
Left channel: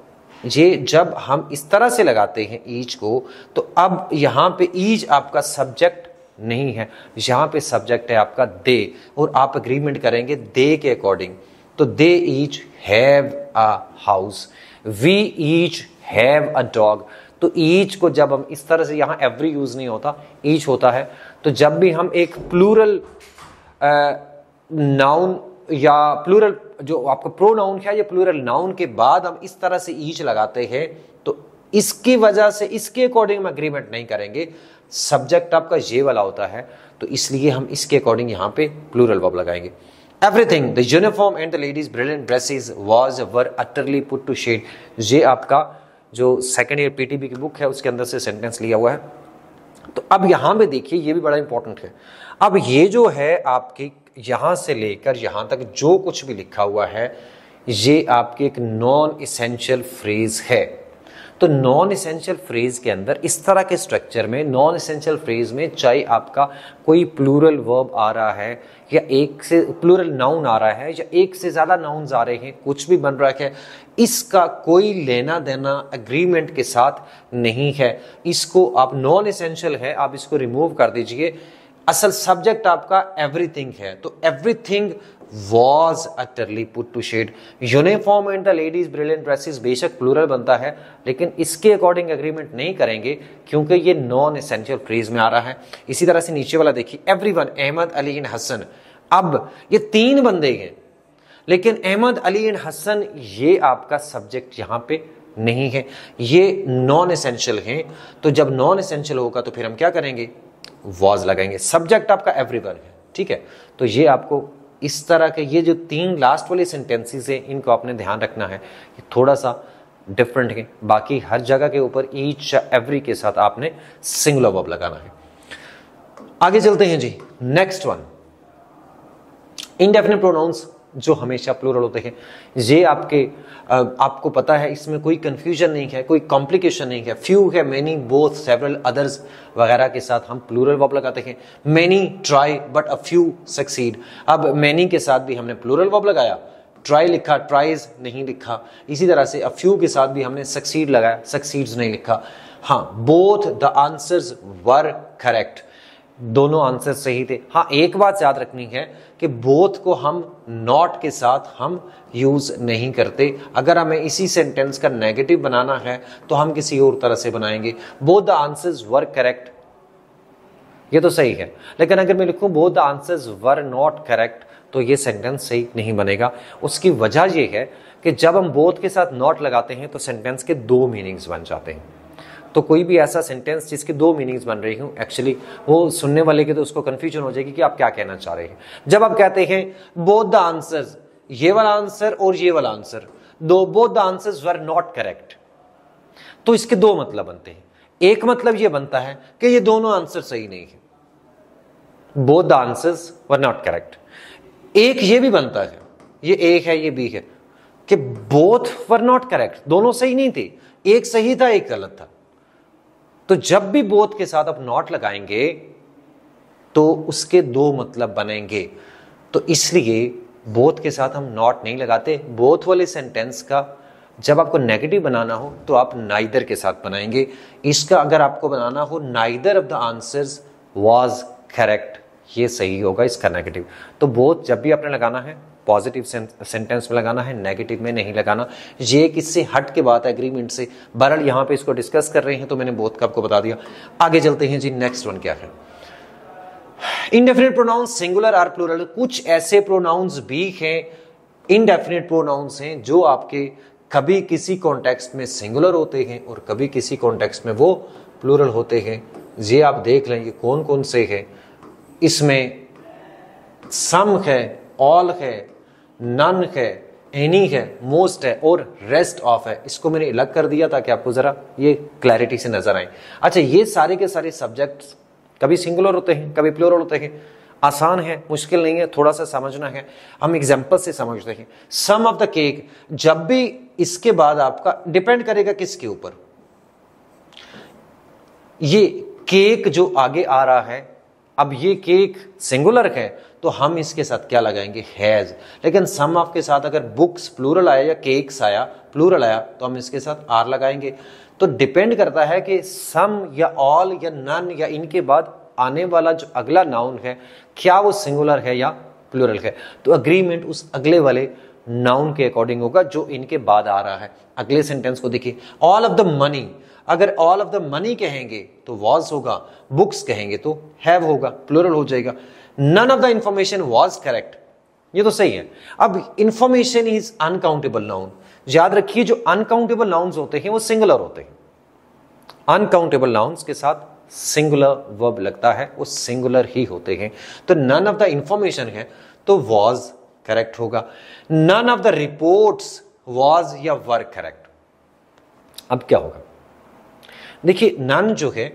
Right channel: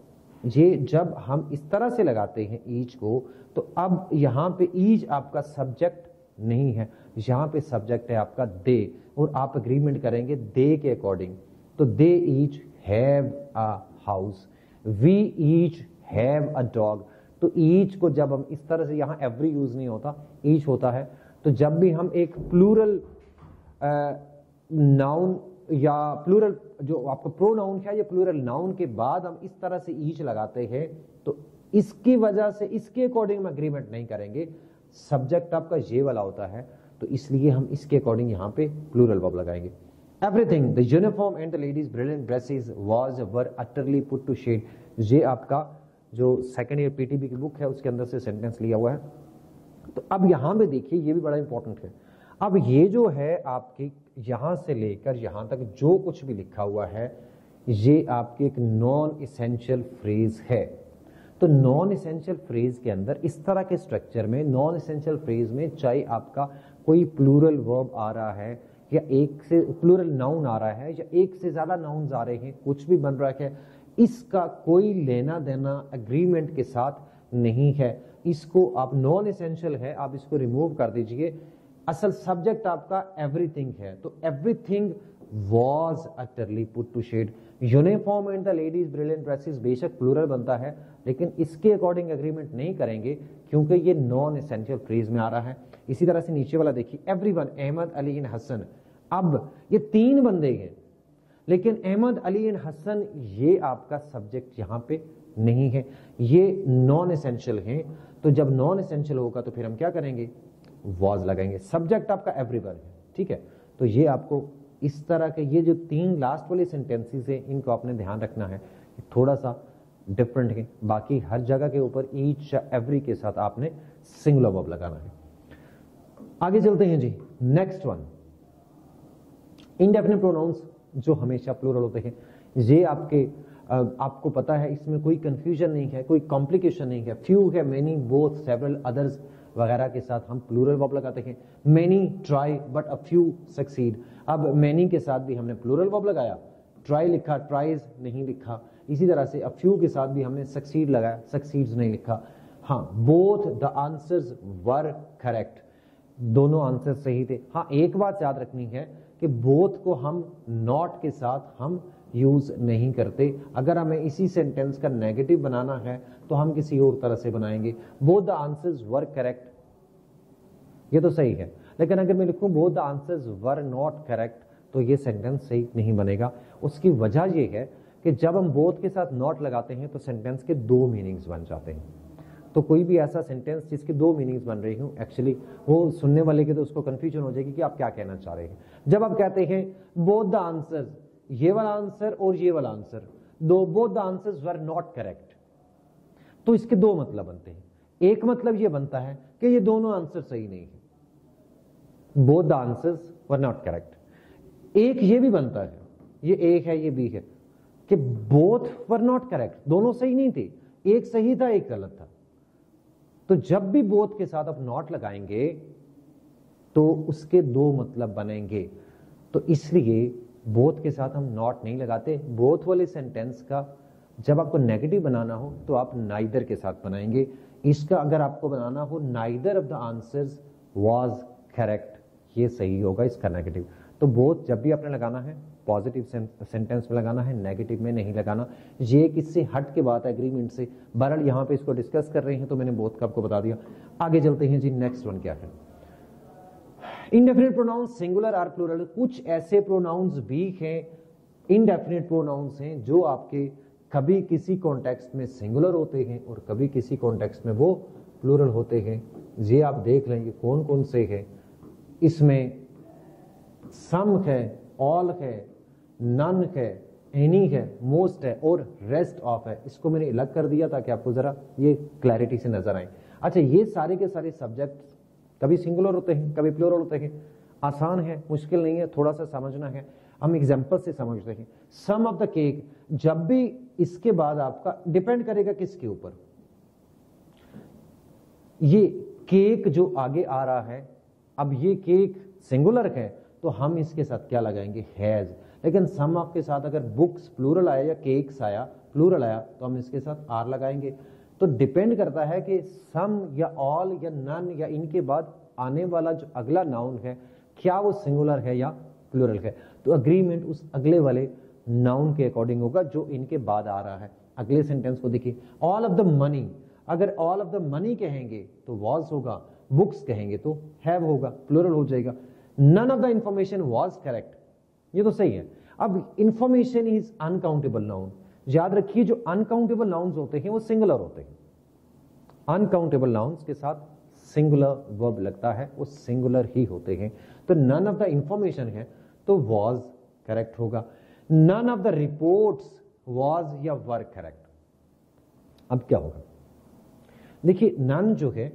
ये जब हम इस तरह से लगाते हैं ईच को, तो अब यहां पे ईच आपका सब्जेक्ट नहीं है, यहां पे सब्जेक्ट है आपका दे, और आप एग्रीमेंट करेंगे दे के अकॉर्डिंग। तो they each have a house, we each have a dog. तो ईच को जब हम इस तरह से, यहां एवरी यूज नहीं होता, ईच होता है, तो जब भी हम एक प्लूरल नाउन या प्लूरल जो आपका प्रोनाउन है या प्लूरल नाउन के बाद हम इस तरह से ईच लगाते हैं, तो इसकी वजह से इसके अकॉर्डिंग हम एग्रीमेंट नहीं करेंगे, सब्जेक्ट आपका ये वाला होता है, तो इसलिए हम इसके अकॉर्डिंग यहां पे प्लूरल वर्ब लगाएंगे। Everything the uniform and the ladies brilliant dresses was were utterly put to shade, ये आपका जो सेकंड ईयर पीटीबी की बुक है उसके अंदर से सेंटेंस लिया हुआ है। तो अब यहां पे देखिए, ये भी बड़ा इंपॉर्टेंट है। अब ये जो है आपकी यहां से लेकर यहां तक जो कुछ भी लिखा हुआ है, ये आपकी एक नॉन इसेंशियल फ्रेज है। तो नॉन इसेंशियल फ्रेज के अंदर इस तरह के स्ट्रक्चर में, नॉन इसेंशियल फ्रेज में चाहे आपका कोई प्लूरल वर्ब आ रहा है या एक से प्लूरल नाउन आ रहा है या एक से ज्यादा नाउन्स आ रहे हैं, कुछ भी बन रहा है, इसका कोई लेना देना एग्रीमेंट के साथ नहीं है। इसको आप नॉन इसेंशियल है, आप इसको रिमूव कर दीजिए। असल सब्जेक्ट आपका एवरीथिंग है, तो everything was utterly put to shade। Uniform and the ladies brilliant dresses बेशक प्लूरल बनता है, लेकिन इसके अकॉर्डिंग एग्रीमेंट नहीं करेंगे क्योंकि ये नॉन एसेंशियल फ्रेज में आ रहा है। इसी तरह से नीचे वाला देखिए, एवरीवन अहमद अली एंड हसन। अब ये तीन बंदे हैं, लेकिन अहमद अली एंड हसन ये आपका सब्जेक्ट यहां पे नहीं है, ये नॉन एसेंशियल हैं। तो जब नॉन एसेंशियल होगा तो फिर हम क्या करेंगे, was लगाएंगे। सब्जेक्ट आपका एवरीवन है, ठीक है। तो ये आपको इस तरह के ये जो तीन लास्ट वाले सेंटेंसेस हैं, इनको आपने ध्यान रखना है, ये थोड़ा सा डिफरेंट है। बाकी हर जगह के ऊपर ईच एवरी के साथ आपने सिंगुलर वर्ब लगाना है। आगे चलते हैं जी, नेक्स्ट वन, इंडेफिनिट प्रोनाउंस जो हमेशा प्लूरल होते हैं। ये आपको पता है, इसमें कोई कंफ्यूजन नहीं है, कोई कॉम्प्लिकेशन नहीं है। फ्यू है, मेनी, बोथ, सेवरल, अदर्स वगैरह के साथ हम प्लूरल वर्ब लगाते हैं। Many try but a few succeed. अब मेनी के साथ भी हमने प्लूरल वर्ब लगाया, ट्राई लिखा, ट्राइज नहीं लिखा। इसी तरह से अ फ्यू के साथ भी हमने सक्सीड लगाया, सक्सीड्स नहीं लिखा। हाँ, both the answers were correct, दोनों आंसर सही थे। हाँ, एक बात याद रखनी है कि बोथ को हम नॉट के साथ हम यूज नहीं करते। अगर हमें इसी सेंटेंस का नेगेटिव बनाना है तो हम किसी और तरह से बनाएंगे। Both the answers were correct, ये तो सही है, लेकिन अगर मैं लिखूं both the answers were not correct तो ये सेंटेंस सही नहीं बनेगा। उसकी वजह यह है कि जब हम बोथ के साथ नॉट लगाते हैं तो सेंटेंस के दो मीनिंग्स बन जाते हैं। तो कोई भी ऐसा सेंटेंस जिसके दो मीनिंग्स बन रही हूं, एक्चुअली वो सुनने वाले के तो उसको कंफ्यूजन हो जाएगी कि आप क्या कहना चाह रहे हैं। जब आप कहते हैं बोथ द आंसर्स, ये वाला आंसर और ये वाला आंसर, दो both the answers were not correct, तो इसके दो मतलब बनते हैं। एक मतलब ये बनता है कि ये दोनों आंसर सही नहीं है, both the answers were not correct. एक ये भी बनता है, ये एक है ये बी है, कि बोथ वर नॉट करेक्ट, दोनों सही नहीं थे, एक सही था एक गलत था। तो जब भी बोथ के साथ आप नॉट लगाएंगे तो उसके दो मतलब बनेंगे। तो इसलिए बोथ के साथ हम नॉट नहीं लगाते। बोथ वाले सेंटेंस का जब आपको नेगेटिव बनाना हो तो आप नाइदर के साथ बनाएंगे। इसका अगर आपको बनाना हो neither of the answers was correct, ये सही होगा इसका नेगेटिव। तो बोथ जब भी आपने लगाना है पॉजिटिव सेंटेंस में लगाना है, नेगेटिव में नहीं लगाना। ये किससे हट के बात है, एग्रीमेंट से। बहरहाल यहाँ पे इसको डिस्कस कर रहे हैं तो मैंने बोथ का आपको बता दिया। आगे चलते हैं जी, नेक्स्ट वन क्या है। Indefinite pronouns singular or plural. कुछ ऐसे प्रोनाउंस भी हैं, इंडेफिनिट प्रोनाउंस हैं, जो आपके कभी किसी कॉन्टेक्स्ट में सिंगुलर होते हैं और कभी किसी कॉन्टेक्स्ट में वो प्लूरल होते हैं। ये आप देख लें ये कौन कौन से हैं। इसमें सम है, ऑल है, नन है, एनी है, मोस्ट है और रेस्ट ऑफ है। इसको मैंने अलग कर दिया ताकि आपको जरा ये क्लैरिटी से नजर आए। अच्छा, ये सारे के सारे सब्जेक्ट्स कभी सिंगुलर होते हैं कभी प्लूरल होते हैं। आसान है, मुश्किल नहीं है, थोड़ा सा समझना है। हम एग्जांपल से समझते हैं। सम ऑफ द केक, जब भी इसके बाद आपका डिपेंड करेगा किसके ऊपर, ये केक जो आगे आ रहा है, अब ये केक सिंगुलर है तो हम इसके साथ क्या लगाएंगे, हैज। लेकिन सम ऑफ के साथ अगर बुक्स प्लूरल आया या केक्स आया प्लूरल आया तो हम इसके साथ आर लगाएंगे। तो डिपेंड करता है कि सम या ऑल या नन या इनके बाद आने वाला जो अगला नाउन है क्या वो सिंगुलर है या प्लूरल है। तो अग्रीमेंट उस अगले वाले नाउन के अकॉर्डिंग होगा जो इनके बाद आ रहा है। अगले सेंटेंस को देखिए, ऑल ऑफ द मनी, अगर ऑल ऑफ द मनी कहेंगे तो वॉज होगा, बुक्स कहेंगे तो हैव होगा, प्लूरल हो जाएगा। None of the information was correct, ये तो सही है। अब इंफॉर्मेशन इज अनकाउंटेबल नाउन। याद रखिए जो अनकाउंटेबल नाउन्स होते हैं वो सिंगुलर होते हैं। अनकाउंटेबल नाउन्स के साथ सिंगुलर वर्ब लगता है, वो सिंगुलर ही होते हैं। तो नन ऑफ द इंफॉर्मेशन है तो वॉज करेक्ट होगा। None of the reports was या वर करेक्ट। अब क्या होगा, देखिए नन जो है,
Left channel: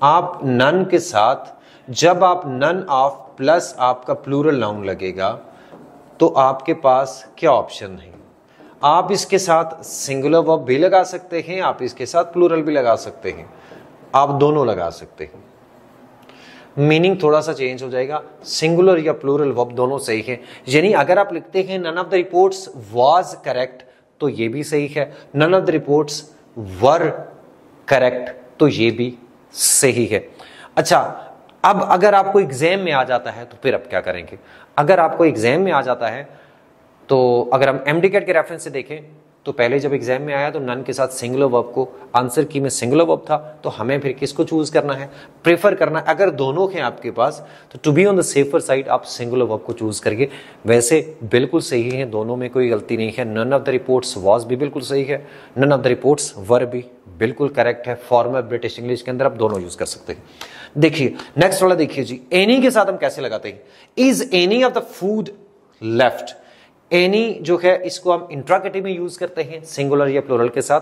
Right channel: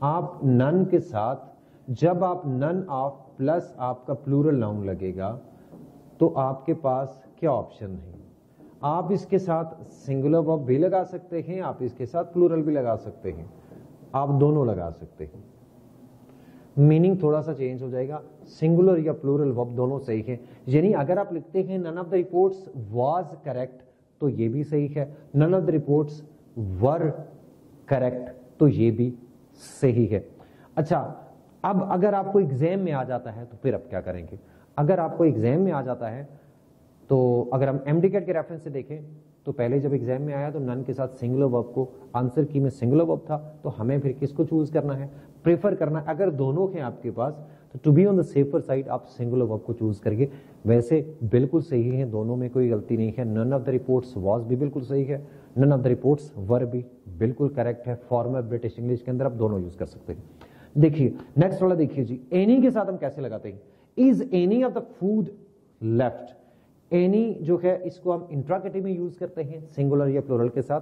आप नन के साथ जब आप नन ऑफ प्लस आपका प्लूरल नाउन लगेगा तो आपके पास क्या ऑप्शन है, आप इसके साथ सिंगुलर वर्ब भी लगा सकते हैं, आप इसके साथ प्लूरल भी लगा सकते हैं, आप दोनों लगा सकते हैं। मीनिंग थोड़ा सा चेंज हो जाएगा, सिंगुलर या प्लूरल वर्ब दोनों सही है। यानी अगर आप लिखते हैं none of the reports was correct तो ये भी सही है, none of the reports were correct तो ये भी सही है। अच्छा, अब अगर आपको एग्जाम में आ जाता है तो फिर अब क्या करेंगे। अगर आपको एग्जाम में आ जाता है तो अगर हम एमडीकेट के रेफरेंस से देखें तो पहले जब एग्जाम में आया तो नन के साथ सिंगुलर वर्ब को, आंसर की में सिंगुलर वर्ब था, तो हमें फिर किसको चूज करना है, प्रेफर करना है। अगर दोनों हैं आपके पास तो to be on the safer side आप सिंगुलर वर्ब को चूज करिए। वैसे बिल्कुल सही है, दोनों में कोई गलती नहीं है। None of the reports was भी बिल्कुल सही है, none of the reports were भी बिल्कुल करेक्ट है। फॉर्मल ब्रिटिश इंग्लिश के अंदर आप दोनों यूज कर सकते हैं। देखिए नेक्स्ट वाला देखिए जी, एनी के साथ हम कैसे लगाते हैं। Is any of the food left. Any जो है इसको हम इंट्रागेटिव में यूज करते हैं सिंगुलर या प्लूरल के साथ।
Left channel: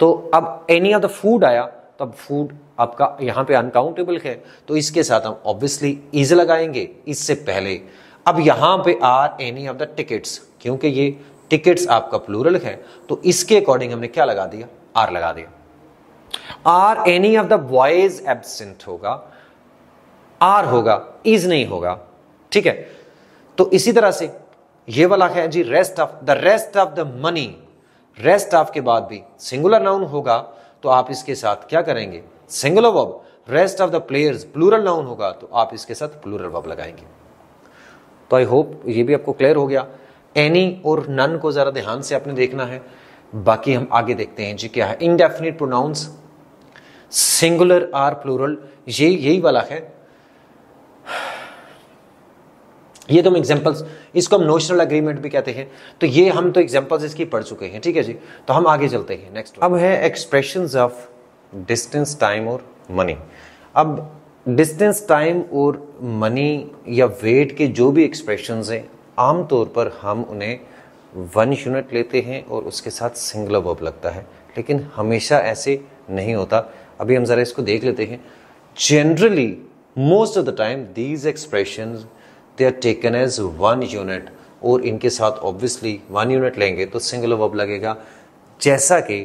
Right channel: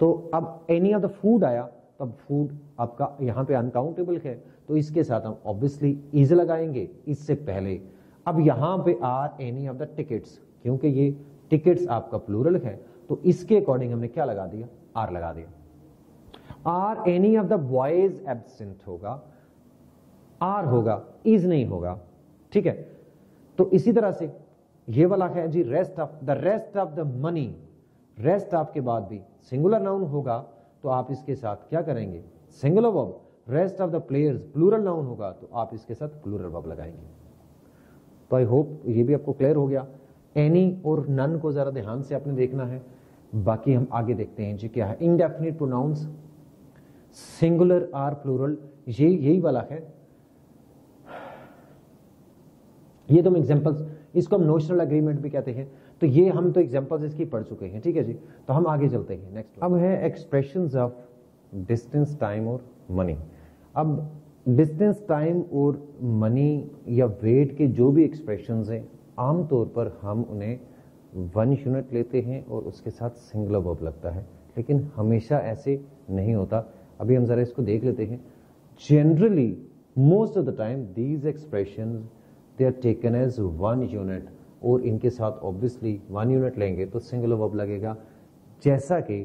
तो अब एनी ऑफ द फूड आया तो अब फूड आपका यहां पे अनकाउंटेबल है तो इसके साथ हम ऑब्वियसली इज लगाएंगे इससे पहले। अब यहां पे are any of the tickets, क्योंकि ये टिकट्स आपका प्लूरल है तो इसके अकॉर्डिंग हमने क्या लगा दिया, आर लगा दिया। Are any of the boys absent होगा, आर होगा, इज नहीं होगा, ठीक है। तो इसी तरह से ये वाला है जी, rest of the money. Rest of के बाद भी सिंगुलर नाउन होगा तो आप इसके साथ क्या करेंगे, singular verb. Rest of the players plural noun होगा तो आप इसके साथ प्लूरल वर्ब लगाएंगे। तो आई होप ये भी आपको क्लियर हो गया। एनी और नन को जरा ध्यान से आपने देखना है। बाकी हम आगे देखते हैं जी क्या है। Indefinite pronouns singular or plural, ये यही वाला है। ये तो हम एग्जांपल्स, इसको हम नोशनल एग्रीमेंट भी कहते हैं। तो ये हम तो एग्जांपल्स इसकी पढ़ चुके हैं, ठीक है जी। तो हम आगे चलते हैं नेक्स्ट। अब है एक्सप्रेशंस ऑफ डिस्टेंस, टाइम और मनी। अब डिस्टेंस, टाइम और मनी या वेट के जो भी एक्सप्रेशंस हैं आमतौर पर हम उन्हें 1 यूनिट लेते हैं और उसके साथ सिंगुलर वर्ब लगता है, लेकिन हमेशा ऐसे नहीं होता। अभी हम जरा इसको देख लेते हैं। Generally most of the time these expressions they are taken as 1 unit और इनके साथ ऑब्वियसली 1 यूनिट लेंगे तो सिंगुलर वर्ब लगेगा। जैसा कि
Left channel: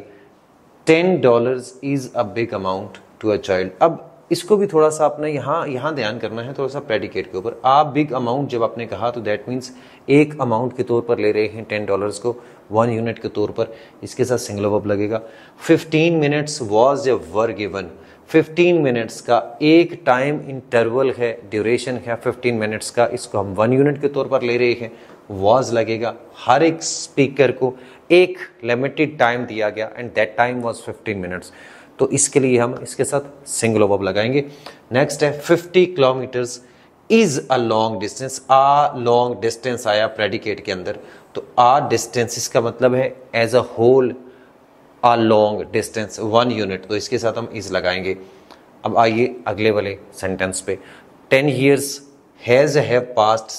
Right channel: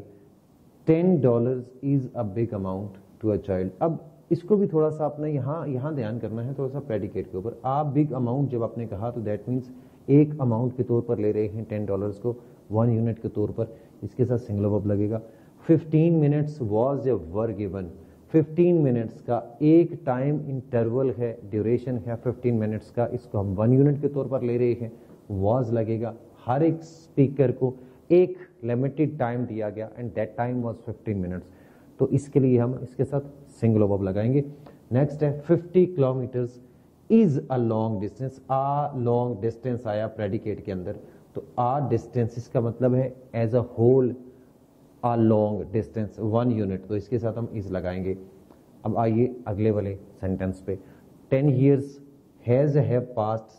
$10 is a big amount to a child. अब इसको भी थोड़ा सा आपने यहाँ ध्यान करना है, थोड़ा सा प्रेडिकेट के ऊपर। आप बिग अमाउंट जब आपने कहा तो दैट मीन्स एक अमाउंट के तौर पर ले रहे हैं $10 को, 1 यूनिट के तौर पर, इसके साथ सिंगुलर वर्ब लगेगा। 15 minutes was a were given, 15 minutes का एक टाइम इंटरवल है, ड्यूरेशन है 15 मिनट्स का, इसको हम 1 यूनिट के तौर पर ले रहे हैं, वॉज लगेगा। हर एक स्पीकर को एक लिमिटेड टाइम दिया गया and that time was 15 minutes, तो इसके लिए हम इसके साथ सिंगुलर वर्ब लगाएंगे। नेक्स्ट है 50 kilometres is a long distance, a long distance आया प्रेडिकेट के अंदर, तो आ डिस्टेंस इसका मतलब है as a whole a long distance 1 unit, तो इसके साथ हम इज लगाएंगे। अब आइए अगले वाले सेंटेंस पे, 10 years have passed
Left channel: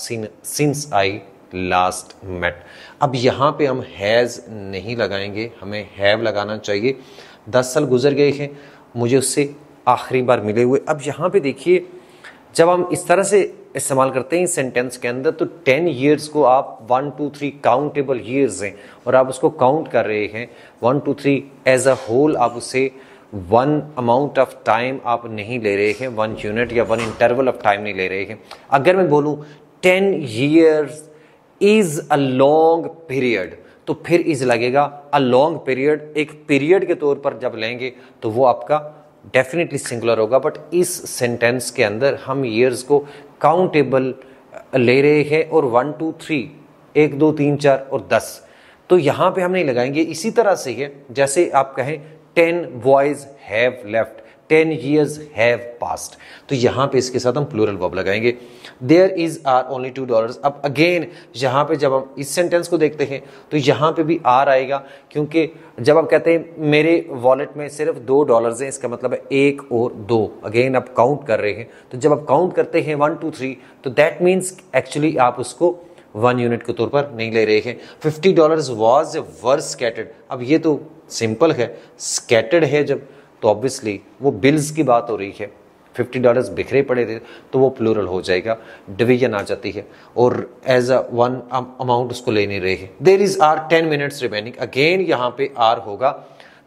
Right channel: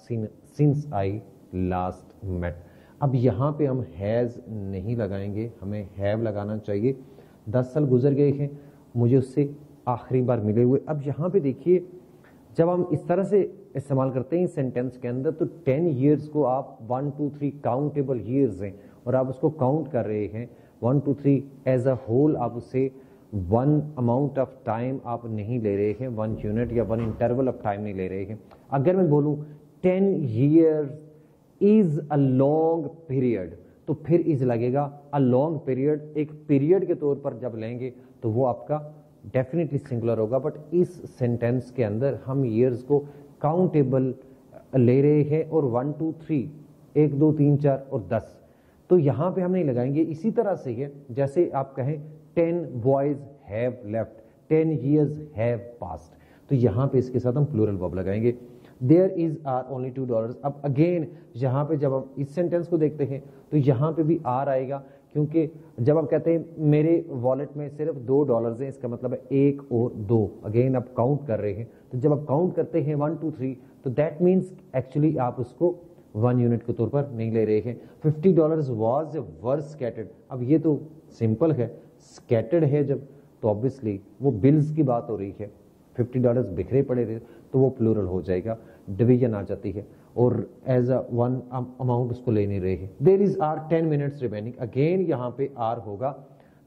since I last met. अब यहाँ पे हम हैज़ नहीं लगाएंगे, हमें हैव लगाना चाहिए। 10 साल गुजर गए हैं मुझे उससे आखिरी बार मिले हुए। अब यहाँ पे देखिए, जब हम इस तरह से इस्तेमाल करते हैं इस सेंटेंस के अंदर, तो 10 years को आप 1 2 3 काउंटेबल ईयर्स हैं और आप उसको काउंट कर रहे हैं 1 2 3 एज अ होल, आप उसे 1 अमाउंट ऑफ टाइम आप नहीं ले रहे हैं, 1 यूनिट या 1 इंटरवल ऑफ टाइम नहीं ले रहे हैं। अगर मैं बोलूँ 10 years is a long period, तो फिर इज लगेगा। अ लॉन्ग पीरियड एक पीरियड के तौर पर जब लेंगे तो वो आपका डेफिनेटली सिंगुलर होगा, बट इस सेंटेंस के अंदर हम ईयर्स को काउंटेबल ले रहे हैं और 1 2 3 1 2 3 4 और 10, तो यहाँ पे हम नहीं लगाएंगे। इसी तरह से है जैसे आप कहें 10 boys have left, 10 years have passed, तो यहाँ पे इसके साथ हम प्लूरल वर्ब लगाएंगे। There is are only $2। अब अगेन यहाँ पे जब हम इस सेंटेंस को देखते हैं तो यहाँ पे भी आर आएगा, क्योंकि जब आप कहते हैं मेरे वॉलेट में सिर्फ $2 हैं, इसका मतलब है 1 और 2, अगेन आप काउंट कर रहे हैं, तो जब आप काउंट करते हैं 1 2 3, तो दैट मीन्स एक्चुअली आप उसको 1 यूनिट के तौर पर नहीं ले रहे हैं। $50 वॉज वर स्कैटर्ड, अब ये तो सिंपल है, स्कैटर्ड है जब, तो ऑब्वियसली वो बिल्स की बात हो रही है, $50 बिखरे पड़े थे तो वो प्लूरल हो जाएगा, डिवीजन आ जाती है और एज अ 1 अमाउंट उसको ले नहीं रहे हैं। There is are 10 minutes remaining, again यहाँ पे आर होगा,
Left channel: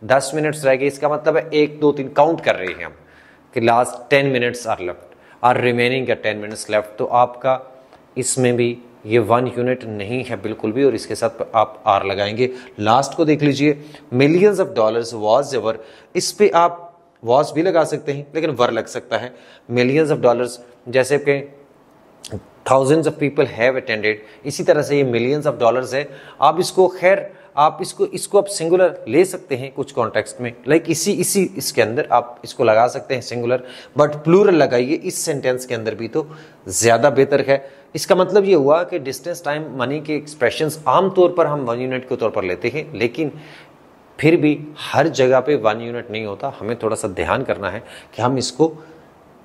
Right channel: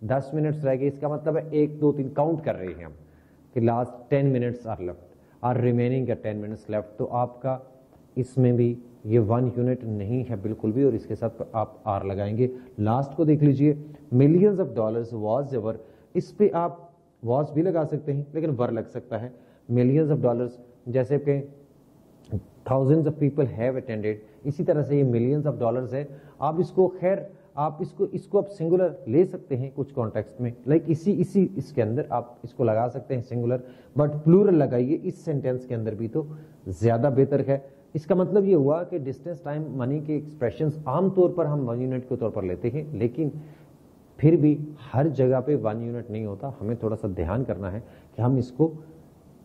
10 मिनट्स रह गए, इसका मतलब है 1 2 3 काउंट कर रहे हैं हम कि last 10 minutes are left, are remaining या 10 मिनट्स लेफ्ट, तो आपका इसमें भी ये 1 यूनिट नहीं है बिल्कुल भी, और इसके साथ आप आर लगाएंगे। लास्ट को देख लीजिए, millions of dollars was ever, इस पे आप वॉज भी लगा सकते हैं लेकिन वर लग सकता है। मिलियंस ऑफ डॉलर्स जैसे कि thousands of people have attended, इसी तरह से ये मिलियंस ऑफ डॉलर्स है। आप इसको खैर आप इसको आप सिंगुलर ले सकते हैं कुछ कॉन्टेक्स्ट में, लाइक इसके अंदर आप इसको लगा सकते हैं सिंगुलर, बट प्लूरल लगाइए इस सेंटेंस के अंदर भी तो ज़्यादा बेहतर है। इसका मतलब ये हुआ कि डिस्टेंस टाइम मनी के एक्सप्रेशंस आमतौर पर हम 1 यूनिट के तौर पर लेते हैं, लेकिन फिर भी हर जगह पे 1 यूनिट नहीं होता, हमें थोड़ा सा ध्यान करना है कि हम इसको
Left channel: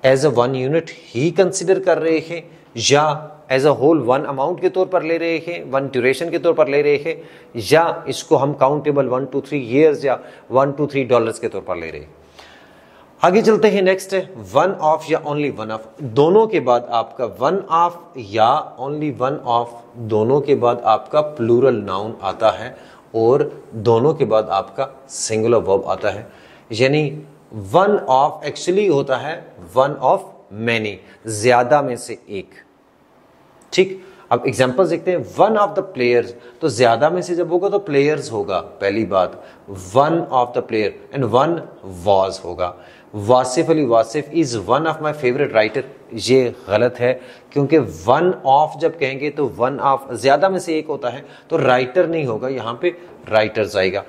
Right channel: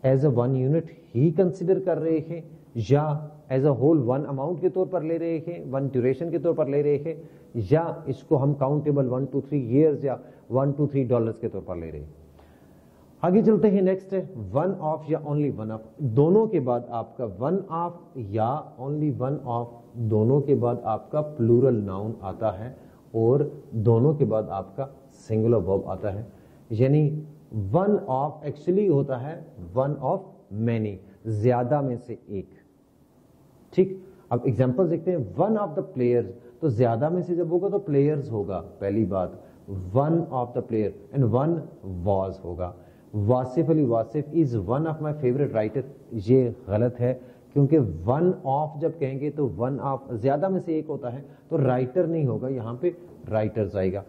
एज अ 1 यूनिट ही कंसिडर कर रहे हैं या एज अ होल 1 अमाउंट के तौर पर ले रहे हैं, 1 ड्यूरेशन के तौर पर ले रहे हैं, या इसको हम काउंटेबल 1 2 3 ईयर्स या 1 2 3 डॉलर्स के तौर पर ले रहे हैं। आगे चलते हैं, नेक्स्ट है 1 ऑफ या ओनली 1 ऑफ। दोनों के बाद आपका 1 ऑफ या ओनली 1 ऑफ, दोनों के बाद आपका प्लूरल नाउन आता है और दोनों के बाद आपका सिंगुलर वर्ब आता है। यानी 1 ऑफ एक्चुअली होता है 1 ऑफ मैनी, ज्यादा में से एक। ठीक, अब एग्जांपल देखते हैं। 1 ऑफ द प्लेयर्स, तो ज्यादा में से जब होगा तो प्लेयर्स होगा पहली बात, 1 of the player, and 1 was होगा। Wasif Ali Wasif is 1 of my favourite writer, ये गलत है, क्योंकि 1 ऑफ जब कहेंगे तो 1 ऑफ ज्यादा में से एक होता है, तो राइटर नहीं होगा, यहाँ पे राइटर्स आएगा।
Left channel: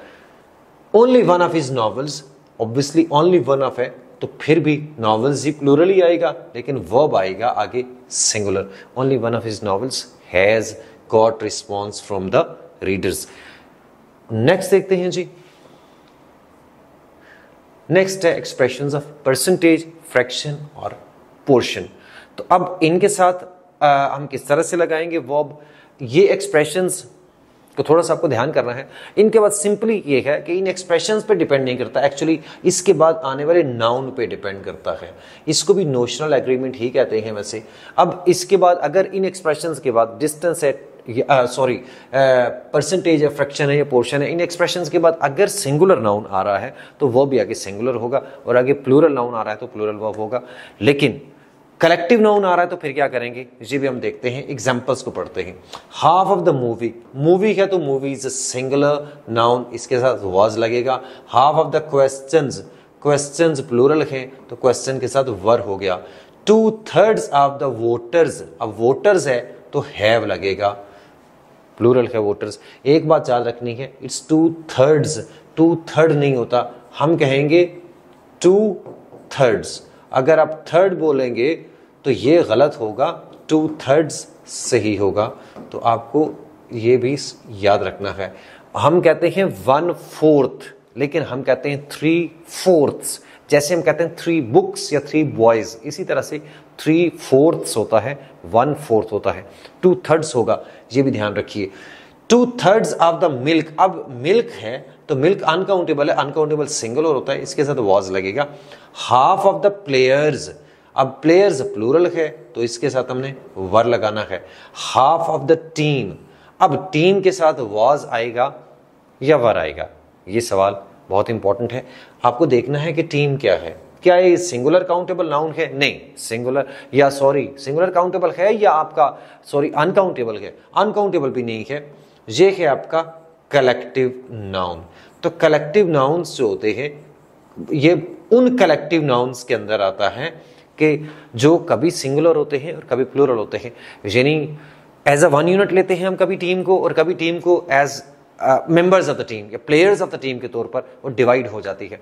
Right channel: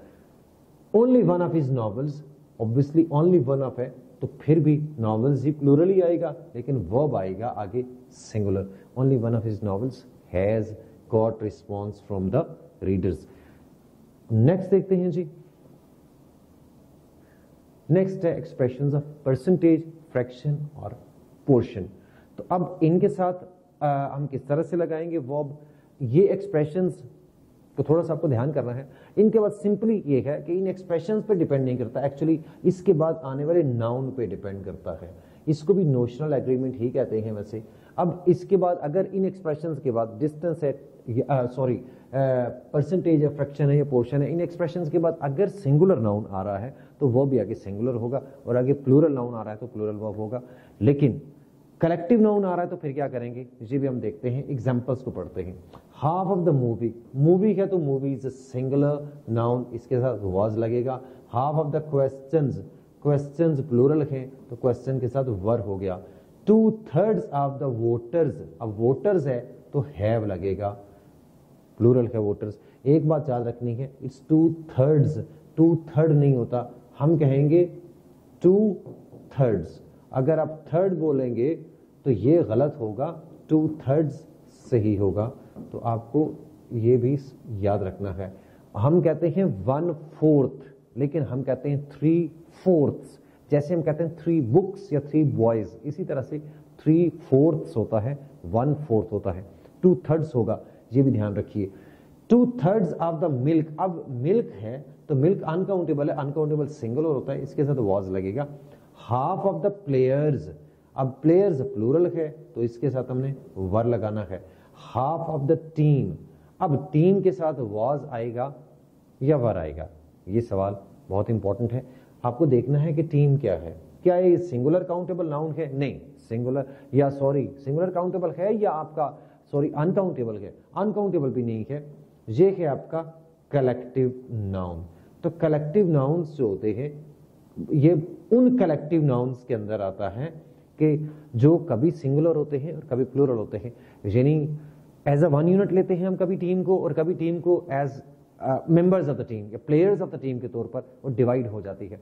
Only 1 of his novels, obviously only 1 of है तो फिर भी नॉवेल्स ही प्लूरल ही आएगा, लेकिन वर्ब आएगा आगे singular. Only 1 of his novels has got response from the readers. Next देखते हैं जी, नेक्स्ट है एक्सप्रेशंस ऑफ परसेंटेज, फ्रैक्शन और पोर्शन। तो अब इनके साथ हम किस तरह से लगाएंगे वर्ब, ये एक्सप्रेशंस को थोड़ा सा आपको ध्यान करना है। इनके बाद सिंपली ये है कि इन एक्सप्रेशंस पे डिपेंड नहीं करता, एक्चुअली इसके बाद आने वाले नाउन पे डिपेंड करता है। इसको भी नोशनल एग्रीमेंट ही कहते हैं वैसे। अब इसके बाद अगर इन एक्सप्रेशंस के बाद डिस्टेंस है, परसेंटेज है, फ्रैक्शन है या पोर्शन है, इन एक्सप्रेशंस के बाद अगर सिंगुलर नाउन आ रहा है तो वो भी आगे सिंगुलर होगा, और आगे प्लूरल नाउन आ रहा है तो प्लूरल वर्ब होगा। लेकिन कलेक्टिव नाउन आ रहा है तो फिर क्या करेंगे, ये भी हम देखते हैं, एग्जांपल्स को पढ़ते हैं। Half of the movie, movie है तो movie is a singular noun, इसके साथ वाज लगेगा। Half of the questions, questions plural है तो क्वेश्चन के साथ वर हो गया। 2/3 ऑफ द वोटर्स, अब वोटर्स है तो हैव लगेगा, प्लूरल है वोटर्स। एक बात याद रखनी है, इट्स 2/3, 2/3 नहीं होता, हम कहेंगे 2/3। अगर आप थर्ड बोलेंगे तो ये गलत होगा, 2/3 सही होगा, तो आपको ये भी याद रखना है। हम कहते हैं 1/4, लेकिन हम कहते हैं 3/4। जैसे हम कहते हैं 3 बुक्स या 3 बॉयज, इसी तरह से 3/4 होता है, 1/4 होता है, 2/3 होगा, ये भी ध्यान रखिए। 2/3 ऑफ द मिल्क, अब मिल्क है तो मिल्क अनकाउंटेबल है, अनकाउंटेबल सिंगुलर होता है, इसके साथ वॉज लगेगा। हाफ ऑफ द प्लेयर्स, अब प्लेयर्स प्लूरल है तो इसके साथ हमने वर लगाना है। हाफ ऑफ द टीम, अब टीम के साथ वॉज आएगा या वर आएगा, ये सवाल बहुत इंपॉर्टेंट है। आपको देखना है कि टीम क्या है, क्या ये सिंगुलर काउंटेबल नाउन है, नहीं सिंगुलर, या सॉरी सिंगुलर काउंटेबल है या आपका सॉरी अनकाउंटेबल है, अनकाउंटेबल भी नहीं है, ये है आपका कलेक्टिव नाउन। तो कलेक्टिव नाउन्स जो होते हैं ये उन कलेक्टिव नाउन्स के अंदर आता है कि जो कभी सिंगुलर होते हैं और कभी प्लूरल होते हैं, यानी एज अ वन यूनिट लेते हैं हम कभी टीम को, और कभी टीम को as members of the team या प्लेयर्स ऑफ द टीम के तौर पर वो डिवाइड हो जाती है।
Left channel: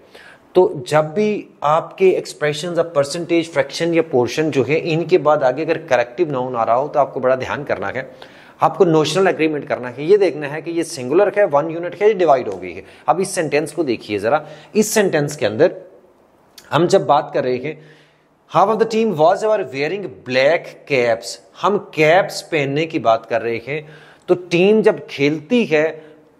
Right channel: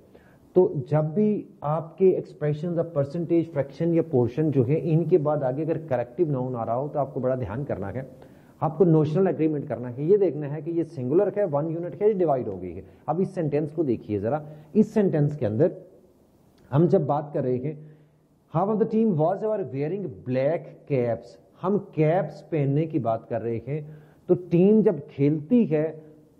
तो जब भी आपके एक्सप्रेशंस ऑफ परसेंटेज, फ्रैक्शन या पोर्शन जो है, इनके बाद आगे अगर कलेक्टिव नाउन आ रहा हो तो आपको बड़ा ध्यान करना है, आपको नोशनल एग्रीमेंट करना है, ये देखना है कि ये सिंगुलर है, वन यूनिट है, ये डिवाइड हो गई है। अब इस सेंटेंस को देखिए जरा, इस सेंटेंस के अंदर हम जब बात कर रहे हैं half of the team was ever wearing black caps, हम कैप्स पहनने की बात कर रहे हैं। तो टीम जब खेलती है,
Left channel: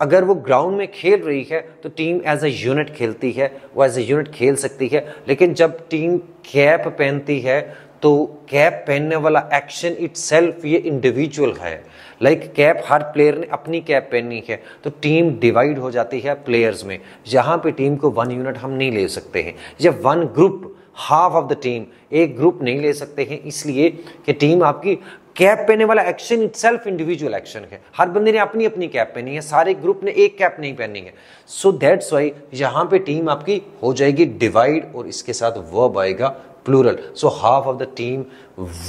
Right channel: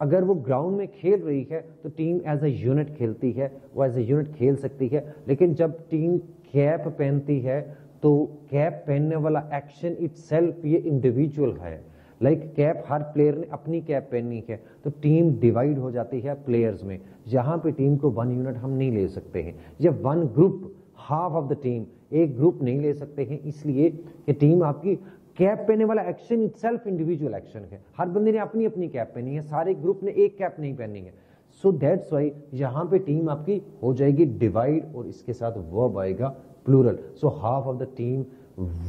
अगर वो ग्राउंड में खेल रही है तो टीम एज अ यूनिट खेलती है, वो एज अ यूनिट खेल सकती है। लेकिन जब टीम कैप पहनती है तो कैप पहनने वाला एक्शन इटसेल्फ ये इंडिविजुअल है, लाइक कैप हर प्लेयर ने अपनी कैप पहननी है, तो टीम डिवाइड हो जाती है प्लेयर्स में। यहाँ पे टीम को वन यूनिट हम नहीं ले सकते हैं, या one group, half of the team, एक ग्रुप नहीं ले सकते हैं, इसलिए कि टीम आपकी कैप पहनने वाला एक्शन इटसेल्फ इंडिविजुअल एक्शन है, हर बंदे ने अपनी अपनी कैप पहनी है, सारे ग्रुप ने एक कैप नहीं पहनी है। सो दैट्स वाई यहाँ पे टीम आपकी हो जाएगी डिवाइड और इसके साथ वर्ब आएगा plural. So half of the team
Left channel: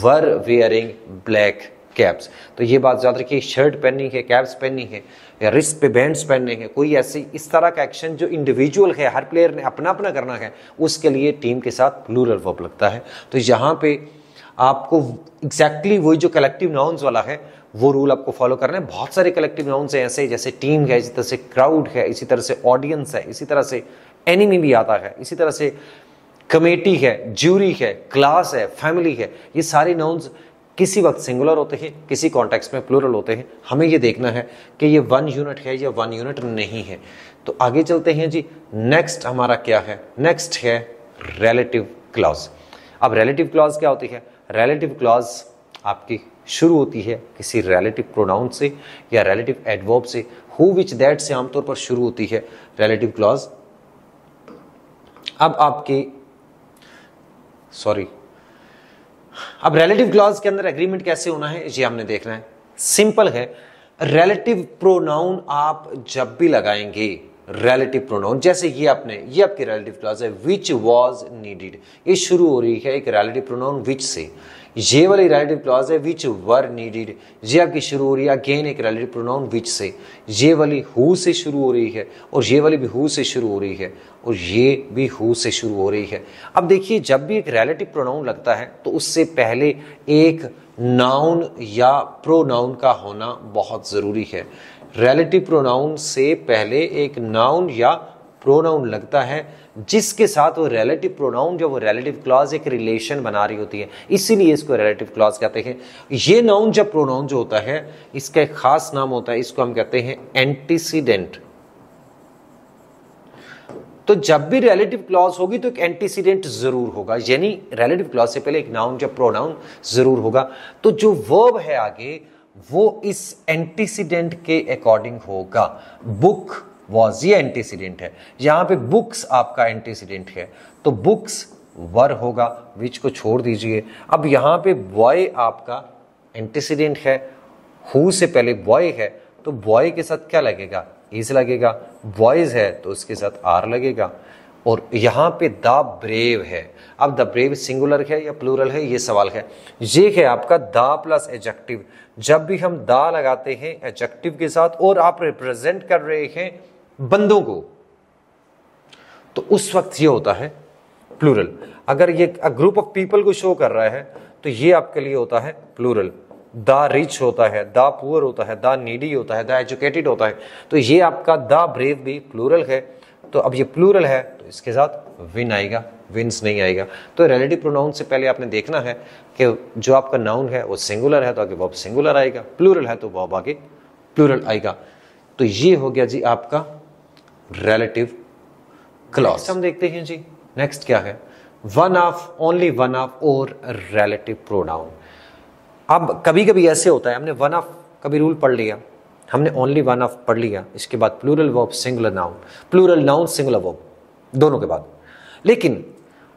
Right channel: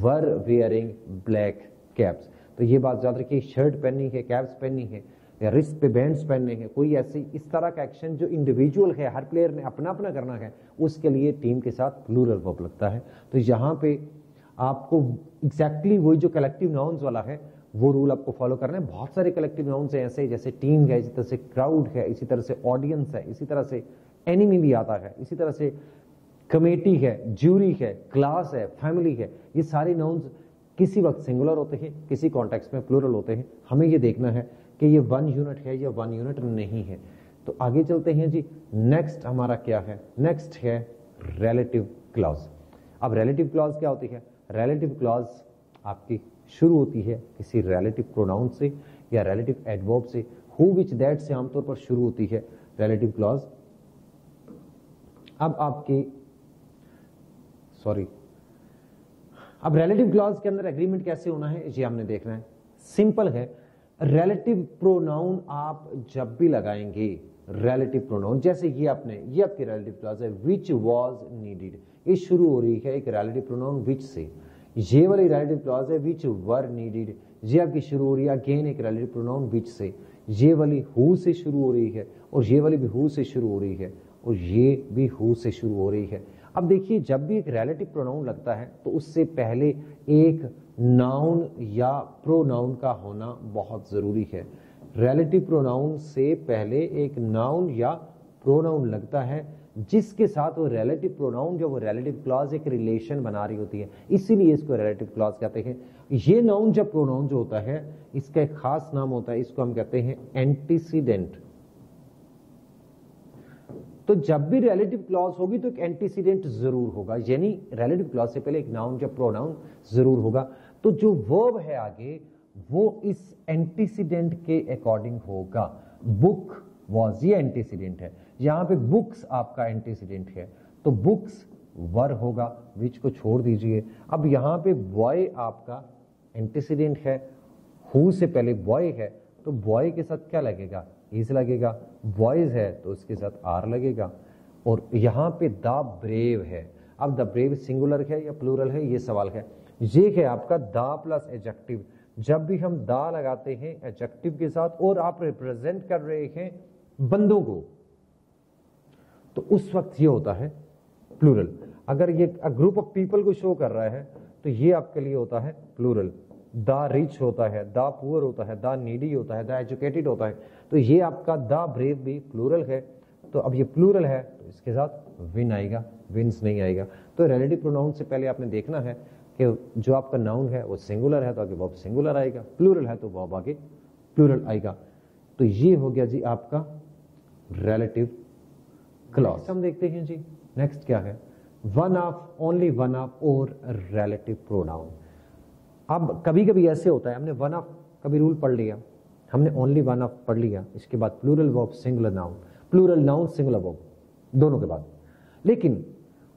were wearing black caps. तो ये बात याद रखिए, शर्ट पहननी है, कैप्स पहननी है, या रिस्ट पे बैंड्स पहनने हैं, कोई ऐसी इस तरह का एक्शन जो इंडिविजुअल है, हर प्लेयर ने अपना अपना करना है, उसके लिए टीम के साथ प्लूरल वर्ब लगता है। तो यहाँ पे आपको एग्जैक्टली वही जो कलेक्टिव नाउन्स वाला है वो रूल आपको फॉलो करना है। बहुत सारे कलेक्टिव नाउन्स हैं ऐसे, जैसे टीम है, इसी तरह से क्राउड है, इसी तरह से ऑडियंस है, इसी तरह से एनिमी भी आता है, इसी तरह से कमेटी है, ज्यूरी है, क्लास है, फैमिली है। ये सारे नाउन्स किसी वक्त सिंगुलर होते हैं, किसी कॉन्टेक्स्ट में प्लूरल होते हैं। हमें ये देखना है कि ये वन यूनिट है या वन यूनिट नहीं है। तो आगे चलते हैं जी, नेक्स्ट हमारा क्या है, नेक्स्ट है रिलेटिव क्लॉज। अब रिलेटिव क्लॉज क्या होती है, रिलेटिव क्लॉज आपकी शुरू होती है किसी रिलेटिव प्रोनाउन से या रिलेटिव एडवर्ब से, हु विच दैट से आमतौर पर शुरू होती है रिलेटिव क्लॉज। अब रिलेटिव क्लॉज के अंदर एग्रीमेंट कैसे होना है ये हमने देखना है। सिंपल है, रिलेटिव प्रोनाउन आप जब भी लगाएंगे, रिलेटिव प्रोनाउन जैसे ये आपकी रिलेटिव क्लॉज है, विच वाज नीडेड, ये शुरू हो रही है एक रिलेटिव प्रोनाउन विच से। ये वाली रिलेटिव क्लॉज है विच वर नीडेड, ये आपकी शुरू हो रही है अगेन एक रिलेटिव प्रोनाउन विच से। ये वाली हु से शुरू हो रही है, और ये वाली भी हु से शुरू हो रही है, और ये भी हु से शुरू हो रही है। अब देखिए, जब भी एक रिलेटिव प्रोनाउन लगता है तो उससे पहले एक नाउन या प्रोनाउन का होना बहुत ज़रूरी है। रिलेटिव प्रोनाउन से पहले एक नाउन या प्रोनाउन लगता है जिसके साथ वो रिलेटिव प्रोनाउन जो वो रिलेटिव क्लॉज एक रिलेशन बना रही होती है, इसीलिए इसको रिलेटिव क्लॉज कहते हैं। ये नाउन जब प्रोनाउन जो होता है इसका एक खास नाम होता है, इसको हम कहते हैं एंटीसीडेंट। तो जब भी रिलेटिव क्लॉज होगी तो एक एंटीसीडेंट जरूर होगा, यानी रिलेटिव क्लॉज से पहले एक नाउन या प्रोनाउन जरूर होगा। तो जो वर्ब है आगे वो इस एंटीसीडेंट के अकॉर्डिंग होगा। बुक वॉज, ये एंटीसीडेंट है, यहां पे बुक्स आपका एंटीसीडेंट है, तो बुक्स वर होगा, विच को छोड़ दीजिए। अब यहां पे बॉय आपका एंटीसीडेंट है, हु से पहले बॉय है तो बॉय के साथ क्या लगेगा, इज लगेगा। बॉयज है तो उसके साथ आर लगेगा। और यहां पे द ब्रेव है। अब द ब्रेव सिंगुलर है या प्लूरल है, ये सवाल है। ये है आपका द प्लस एडजेक्टिव। जब भी हम द लगाते हैं एडजेक्टिव के साथ और आप रिप्रेजेंट कर रहे हैं बंदों को, तो उस वक्त ये होता है प्लूरल। अगर ये ग्रुप ऑफ पीपल को शो कर रहा है तो ये आपके लिए होता है प्लूरल। द रिच होता है, द पुअर होता है, द नीडी होता है, द एजुकेटेड होता है। तो ये आपका द ब्रेव भी प्लूरल है। तो अब ये प्लूरल है तो इसके साथ विन आएगा, विंस नहीं आएगा। तो रिलेटिव प्रोनाउन से पहले आपने देखना है कि जो आपका नाउन है वो सिंगुलर है तो आगे वर्ब सिंगुलर आएगा, प्लूरल है तो वर्ब आगे प्लूरल आएगा। तो ये हो गया जी आपका रिलेटिव क्लॉज। हम देखते हैं जी नेक्स्ट क्या है, one of, only one of और रिलेटिव प्रोनाउन। अब कभी कभी ऐसे होता है, हमने वन ऑफ कभी रूल पढ़ लिया, हमने ओनली वन ऑफ पढ़ लिया, इसके बाद plural verb singular noun, plural noun singular verb दोनों के बाद। लेकिन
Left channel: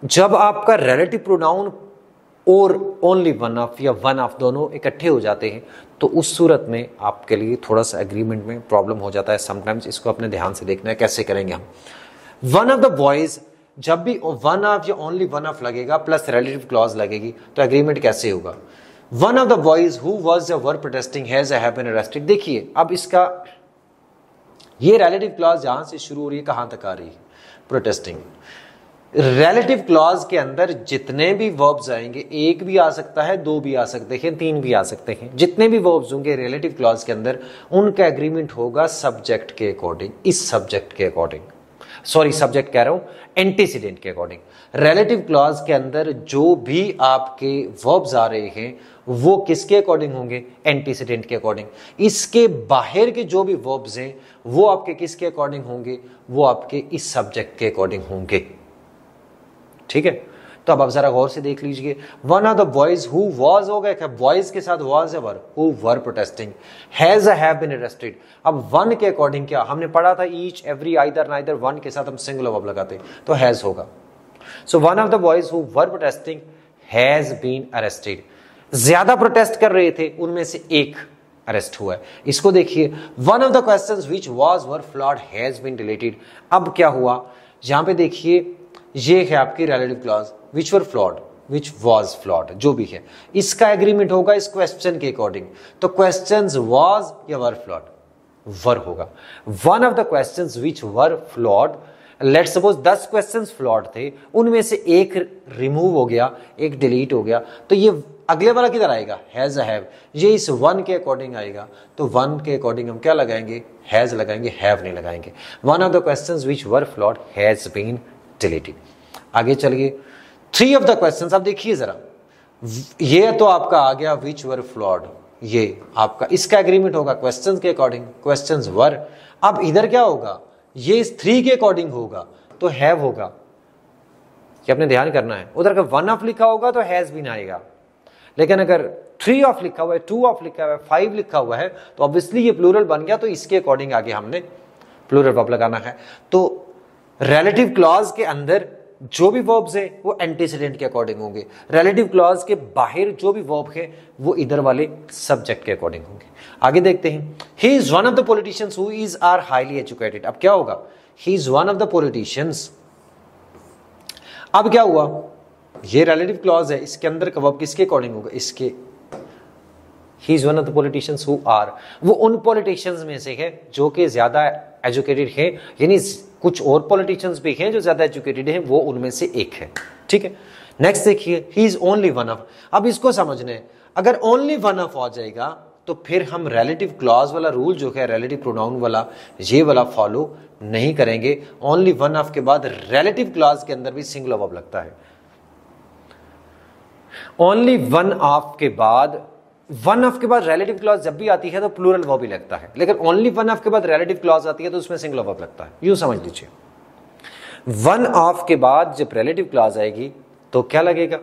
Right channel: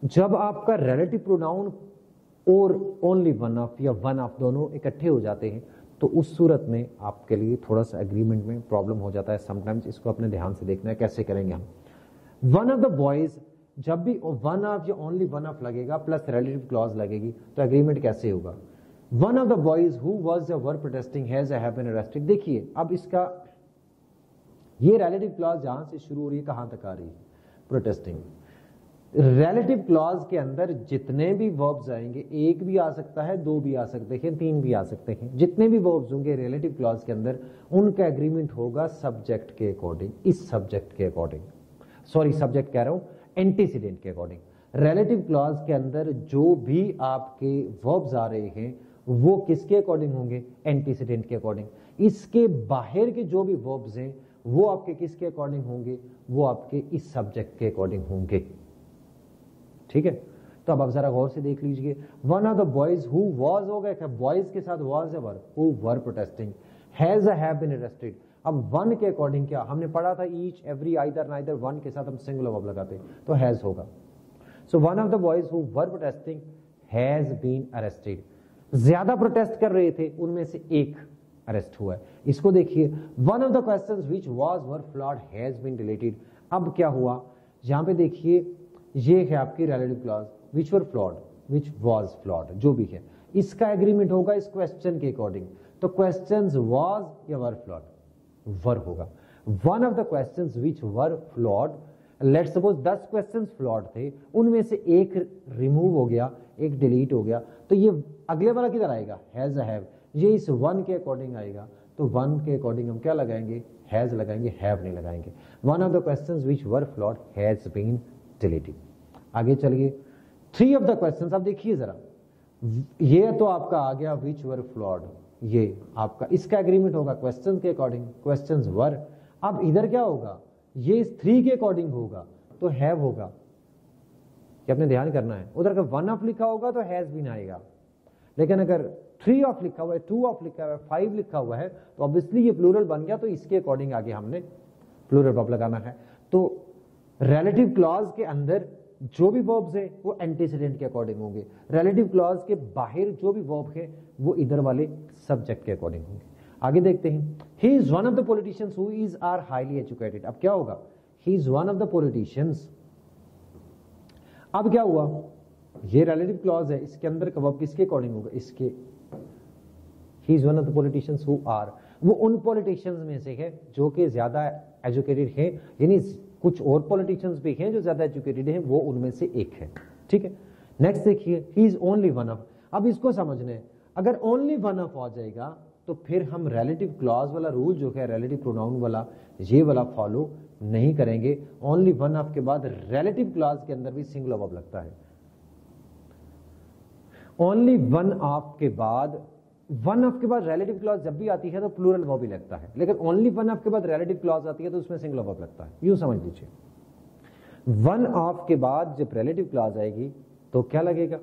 जब आपका रिलेटिव प्रोनाउन और ओनली वन ऑफ या वन ऑफ दोनों इकट्ठे हो जाते हैं तो उस सूरत में आपके लिए थोड़ा सा एग्रीमेंट में प्रॉब्लम हो जाता है समटाइम्स। इसको अपने ध्यान से देखना है कैसे करेंगे हम। वन ऑफ द बॉयज, जब भी वन ऑफ या ओनली वन ऑफ लगेगा प्लस रिलेटिव क्लॉज लगेगी तो एग्रीमेंट कैसे होगा। One of the boys who was were protesting has been arrested. देखिए अब इसका ये रिलेटिव क्लॉज जहां से शुरू हो रही है कहां तक आ रही है, प्रोटेस्टिंग। रिलेटिव क्लॉज के अंदर जितने भी वर्ब्स आएंगे, एक भी आ सकता है, दो भी आ सकते हैं, तीन भी आ सकते हैं, जितने भी वर्ब्स होंगे रिलेटिव क्लॉज के अंदर उनका एग्रीमेंट होगा सब्जेक्ट के अकॉर्डिंग, इस सब्जेक्ट के अकॉर्डिंग, सॉरी सब्जेक्ट कह रहा हूं एंटीसीडेंट के अकॉर्डिंग। रिलेटिव क्लॉज के अंदर जो भी आपके वर्ब्स आ रहे हैं वो किसके अकॉर्डिंग होंगे, एंटीसीडेंट के अकॉर्डिंग। इसके बाहर के जो भी वर्ब्स हैं वो आपके किसके अकॉर्डिंग होंगे, वो आपके इस सब्जेक्ट के अकॉर्डिंग होंगे। ठीक है, तो अब आप जरा गौर से देख लीजिए। One of the boys who was हो गया, बॉयज के साथ वाज है were, who were protesting, has have been arrested. अब वन के अकॉर्डिंग क्या हमने पढ़ा था, each every either neither, one के साथ हम सिंगुलर वर्ब लगाते तो हैज होगा। So one of the boys who were protesting has been arrested. ज्यादा प्रोटेस्ट कर रहे थे उनमें से एक अरेस्ट हुआ है। इसको देखिए, one of the questions which was were flawed has been deleted. अब क्या हुआ, यहां पे देखिए ये है आपकी relative clause, which were flawed, which was flawed, जो भी है इसका एग्रीमेंट होगा इस क्वेश्चन के अकॉर्डिंग। तो क्वेश्चंस वाज या वर फ्लॉड, वर होगा। One of the questions which were flawed, let's suppose 10 questions flawed थे, उनमें से एक रिमूव हो गया, एक डिलीट हो गया, तो ये अगले वाला किधर आएगा, हैज हैव, ये इस वन के अकॉर्डिंग आएगा। तो वन के अकॉर्डिंग हम क्या लगाएंगे, हैज लगाएंगे, हैव नहीं लगाएंगे। One of the questions which were flawed has been deleted. आगे चलिए, थ्री ऑफ द क्वेश्चंस, अब देखिए जरा, ये तो आपका आ गया व्हिच वर फ्लॉड, ये आपका इसका एग्रीमेंट होगा क्वेश्चंस के अकॉर्डिंग, क्वेश्चंस वर। अब इधर क्या होगा, ये इस थ्री के अकॉर्डिंग होगा तो हैव होगा, ये आपने ध्यान करना है। उधर अगर वन ऑफ लिखा होगा तो हैज बीन आएगा, लेकिन अगर थ्री ऑफ लिखा हुआ है, टू ऑफ लिखा हुआ है, फाइव लिखा हुआ है तो ऑब्वियसली ये प्लूरल बन गया, तो इसके अकॉर्डिंग आगे हमने प्लूरल वर्ब लगाना है। तो रिलेटिव क्लॉज के अंदर जो भी वर्ब्स है वो एंटीसीडेंट के अकॉर्डिंग होंगे, रिलेटिव क्लॉज के बाहर जो भी वर्ब है वो इधर वाले सब्जेक्ट के अकॉर्डिंग होंगे। आगे देखते हैं, he is one of the politicians who is are highly educated. अब क्या होगा, he is one of the politicians. अब क्या हुआ, ये रिलेटिव क्लॉज है, इसके अंदर का वर्ब किसके अकॉर्डिंग होगा, इसके। He is one of the politicians who are, वो उन पॉलिटिशियंस में से है जो कि ज्यादा एजुकेटेड है, यानी कुछ और पॉलिटिशियंस भी हैं जो ज्यादा एजुकेटेड हैं, वो उनमें से एक है। ठीक है, नेक्स्ट देखिए, he is only one of. अब इसको समझने, अगर ओनली वन ऑफ आ जाएगा तो फिर हम रिलेटिव क्लॉज वाला रूल जो है रिलेटिव प्रोनाउन वाला, ये वाला फॉलो नहीं करेंगे। ओनली वन ऑफ के बाद रिलेटिव क्लॉज के अंदर भी सिंगुलर वर्ब लगता है। ओनली वन ऑफ के बाद, वन ऑफ के बाद रिलेटिव क्लॉज जब भी आती है तो प्लूरल वर्ब ही लगता है, लेकिन ओनली वन ऑफ के बाद रिलेटिव क्लॉज आती है तो उसमें सिंगुलर वर्ब लगता है। यूं समझ लीजिए, वन ऑफ के बाद जब रिलेटिव क्लॉज आएगी तो क्या लगेगा,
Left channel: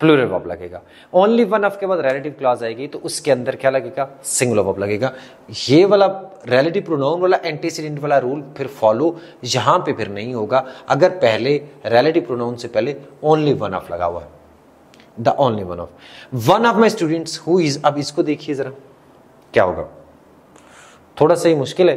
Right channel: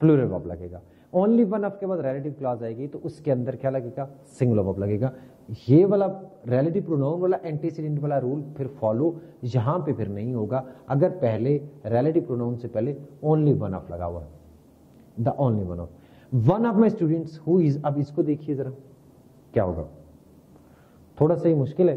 प्लूरल वर्ब लगेगा। ओनली वन ऑफ के बाद रिलेटिव क्लॉज आएगी तो उसके अंदर क्या लगेगा, सिंगुलर वर्ब लगेगा। ये वाला रिलेटिव प्रोनाउन वाला एंटीसीडेंट वाला रूल फिर फॉलो यहां पे फिर नहीं होगा अगर पहले रिलेटिव प्रोनाउन से पहले ओनली वन ऑफ लगा हुआ है, the only one of. One of my students who is, अब इसको देखिए जरा क्या होगा, थोड़ा सा ही मुश्किल है,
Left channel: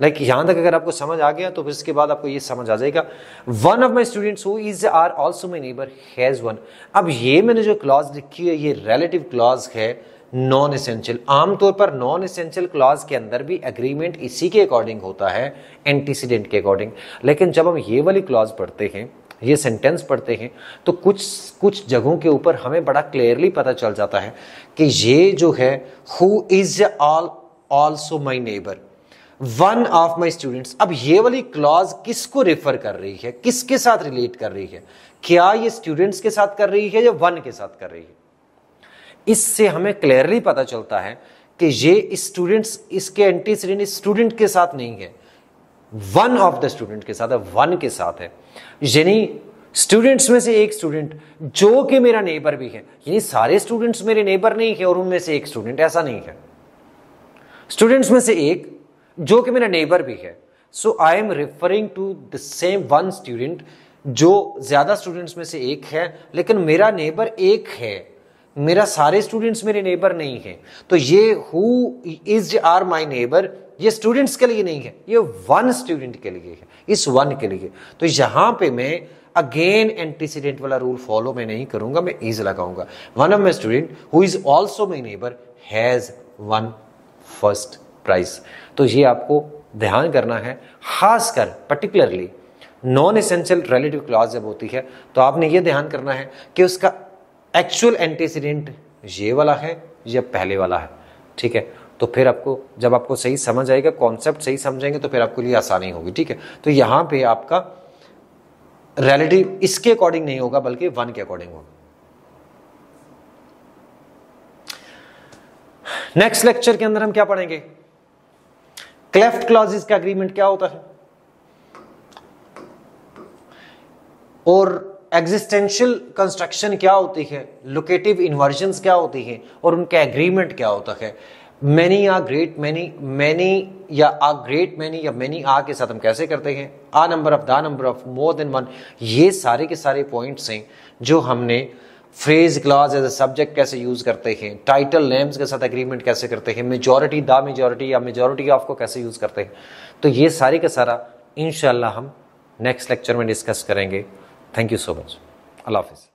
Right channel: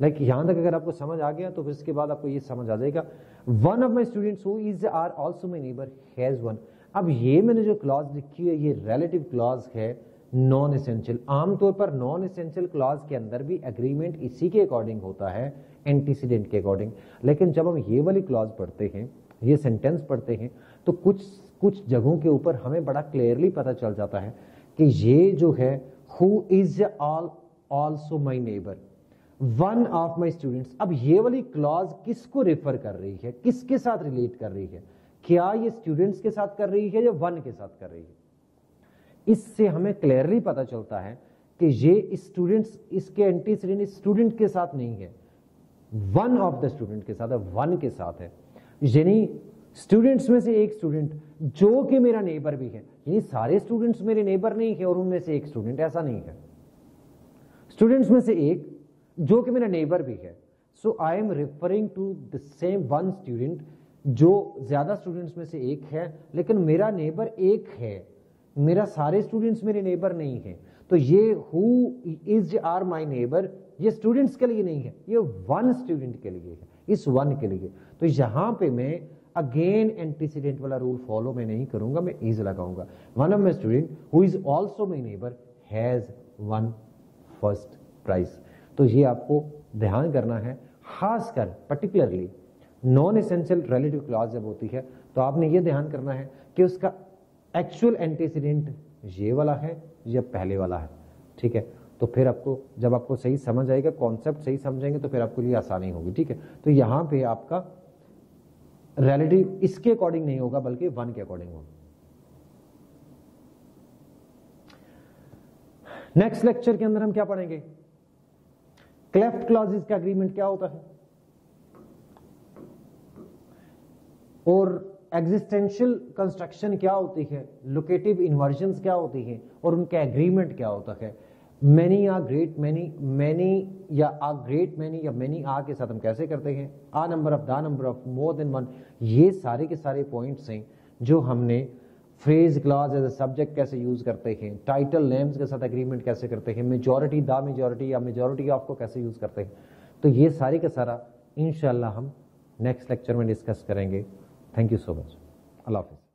लाइक यहां तक अगर आपको समझ आ गया तो फिर इसके बाद आपको ये समझ आ जाएगा। One of my students who is are also my neighbour has won. अब ये मैंने जो क्लॉज लिखी है ये रिलेटिव क्लॉज है, नॉन एसेंशियल। आमतौर पर नॉन एसेंशियल क्लॉज के अंदर भी एग्रीमेंट इसी के अकॉर्डिंग होता है, एंटीसीडेंट के अकॉर्डिंग। लेकिन जब हम ये वाली क्लॉज पढ़ते हैं, ये सेंटेंस पढ़ते हैं, तो कुछ जगहों के ऊपर हमें बड़ा क्लियरली पता चल जाता है कि ये जो है who is also my neighbour, one of my students. अब ये वाली क्लॉज किसको रेफर कर रही है, किसके साथ रिलेट कर रही है? क्या ये स्टूडेंट्स के साथ कर रही है या वन के साथ कर रही है? इससे हमें क्लियरली पता चलता है कि ये स्टूडेंट्स, इसके एंटीसीडेंट स्टूडेंट के साथ नहीं है, वन ऑफ द स्टूडेंट के साथ है, वन के साथ है। यानी स्टूडेंट्स में से एक स्टूडेंट जो कि मेरा नेबर भी है, यानी सारे स्टूडेंट्स मेरे नेबर नहीं है और उनमें से एक स्टूडेंट, ऐसा नहीं है। स्टूडेंट्स में से एक जो कि मेरा नेबर भी है। So I am referring to the same one student, जो ज्यादा स्टूडेंट्स में से एक है लेकिन मेरा नेबर एक है, मेरा सारे स्टूडेंट्स मेरे नेबर नहीं है। तो ये who is are my neighbour ये स्टूडेंट्स के लिए नहीं है, ये वन स्टूडेंट के लिए है, इस वन के लिए। तो यहां पे मैं अगेन एंटीसीडेंट वाला रूल फॉलो मैं नहीं करूंगा, मैं इज लगाऊंगा। One of my student who is also my neighbour has won first prize. तो ये आपको ध्यान करना है, खासकर particularly non essential relative clause जब होती है तो आपने ये ध्यान करना है कि उसका एक्चुअल एंटीसीडेंट ये वाला है या पहले वाला है। ठीक है, तो फिर आपको जब आपको सही समझ आएगा, कॉन्सेप्ट सही समझेंगे तो फिर आपके लिए आसानी होगी। ठीक है, तो यहां पे आपका रिलेटिव इसके अकॉर्डिंग नहीं होगा बल्कि वन के अकॉर्डिंग होगा। नेक्स्ट लेक्चर के अंदर हम क्या पढ़ेंगे, क्लेफ्ट क्लॉजेस का एग्रीमेंट क्या होता है और एग्जिस्टेंशियल कंस्ट्रक्शन क्या होती है, लोकेटिव इन्वर्जन्स क्या होती हैं और उनका एग्रीमेंट क्या होता है। Many a great many, many या आ ग्रेट मैनी या मैनी आ के साथ हम कैसे करते हैं, a number of, the number of, more than one. ये सारे के सारे पॉइंट्स हैं जो हमने phrase clause as a subject कैसे यूज करते हैं, टाइटल नेम्स के साथ एग्रीमेंट कैसे करते हैं, मेजॉरिटी द मेजॉरिटी या मेजॉरिटी ऑफ को कैसे यूज करते हैं। तो ये सारे का सारा इंशाल्लाह हम नेक्स्ट लेक्चर में डिस्कस करेंगे। Thank you so much. अल्लाह हाफिज़।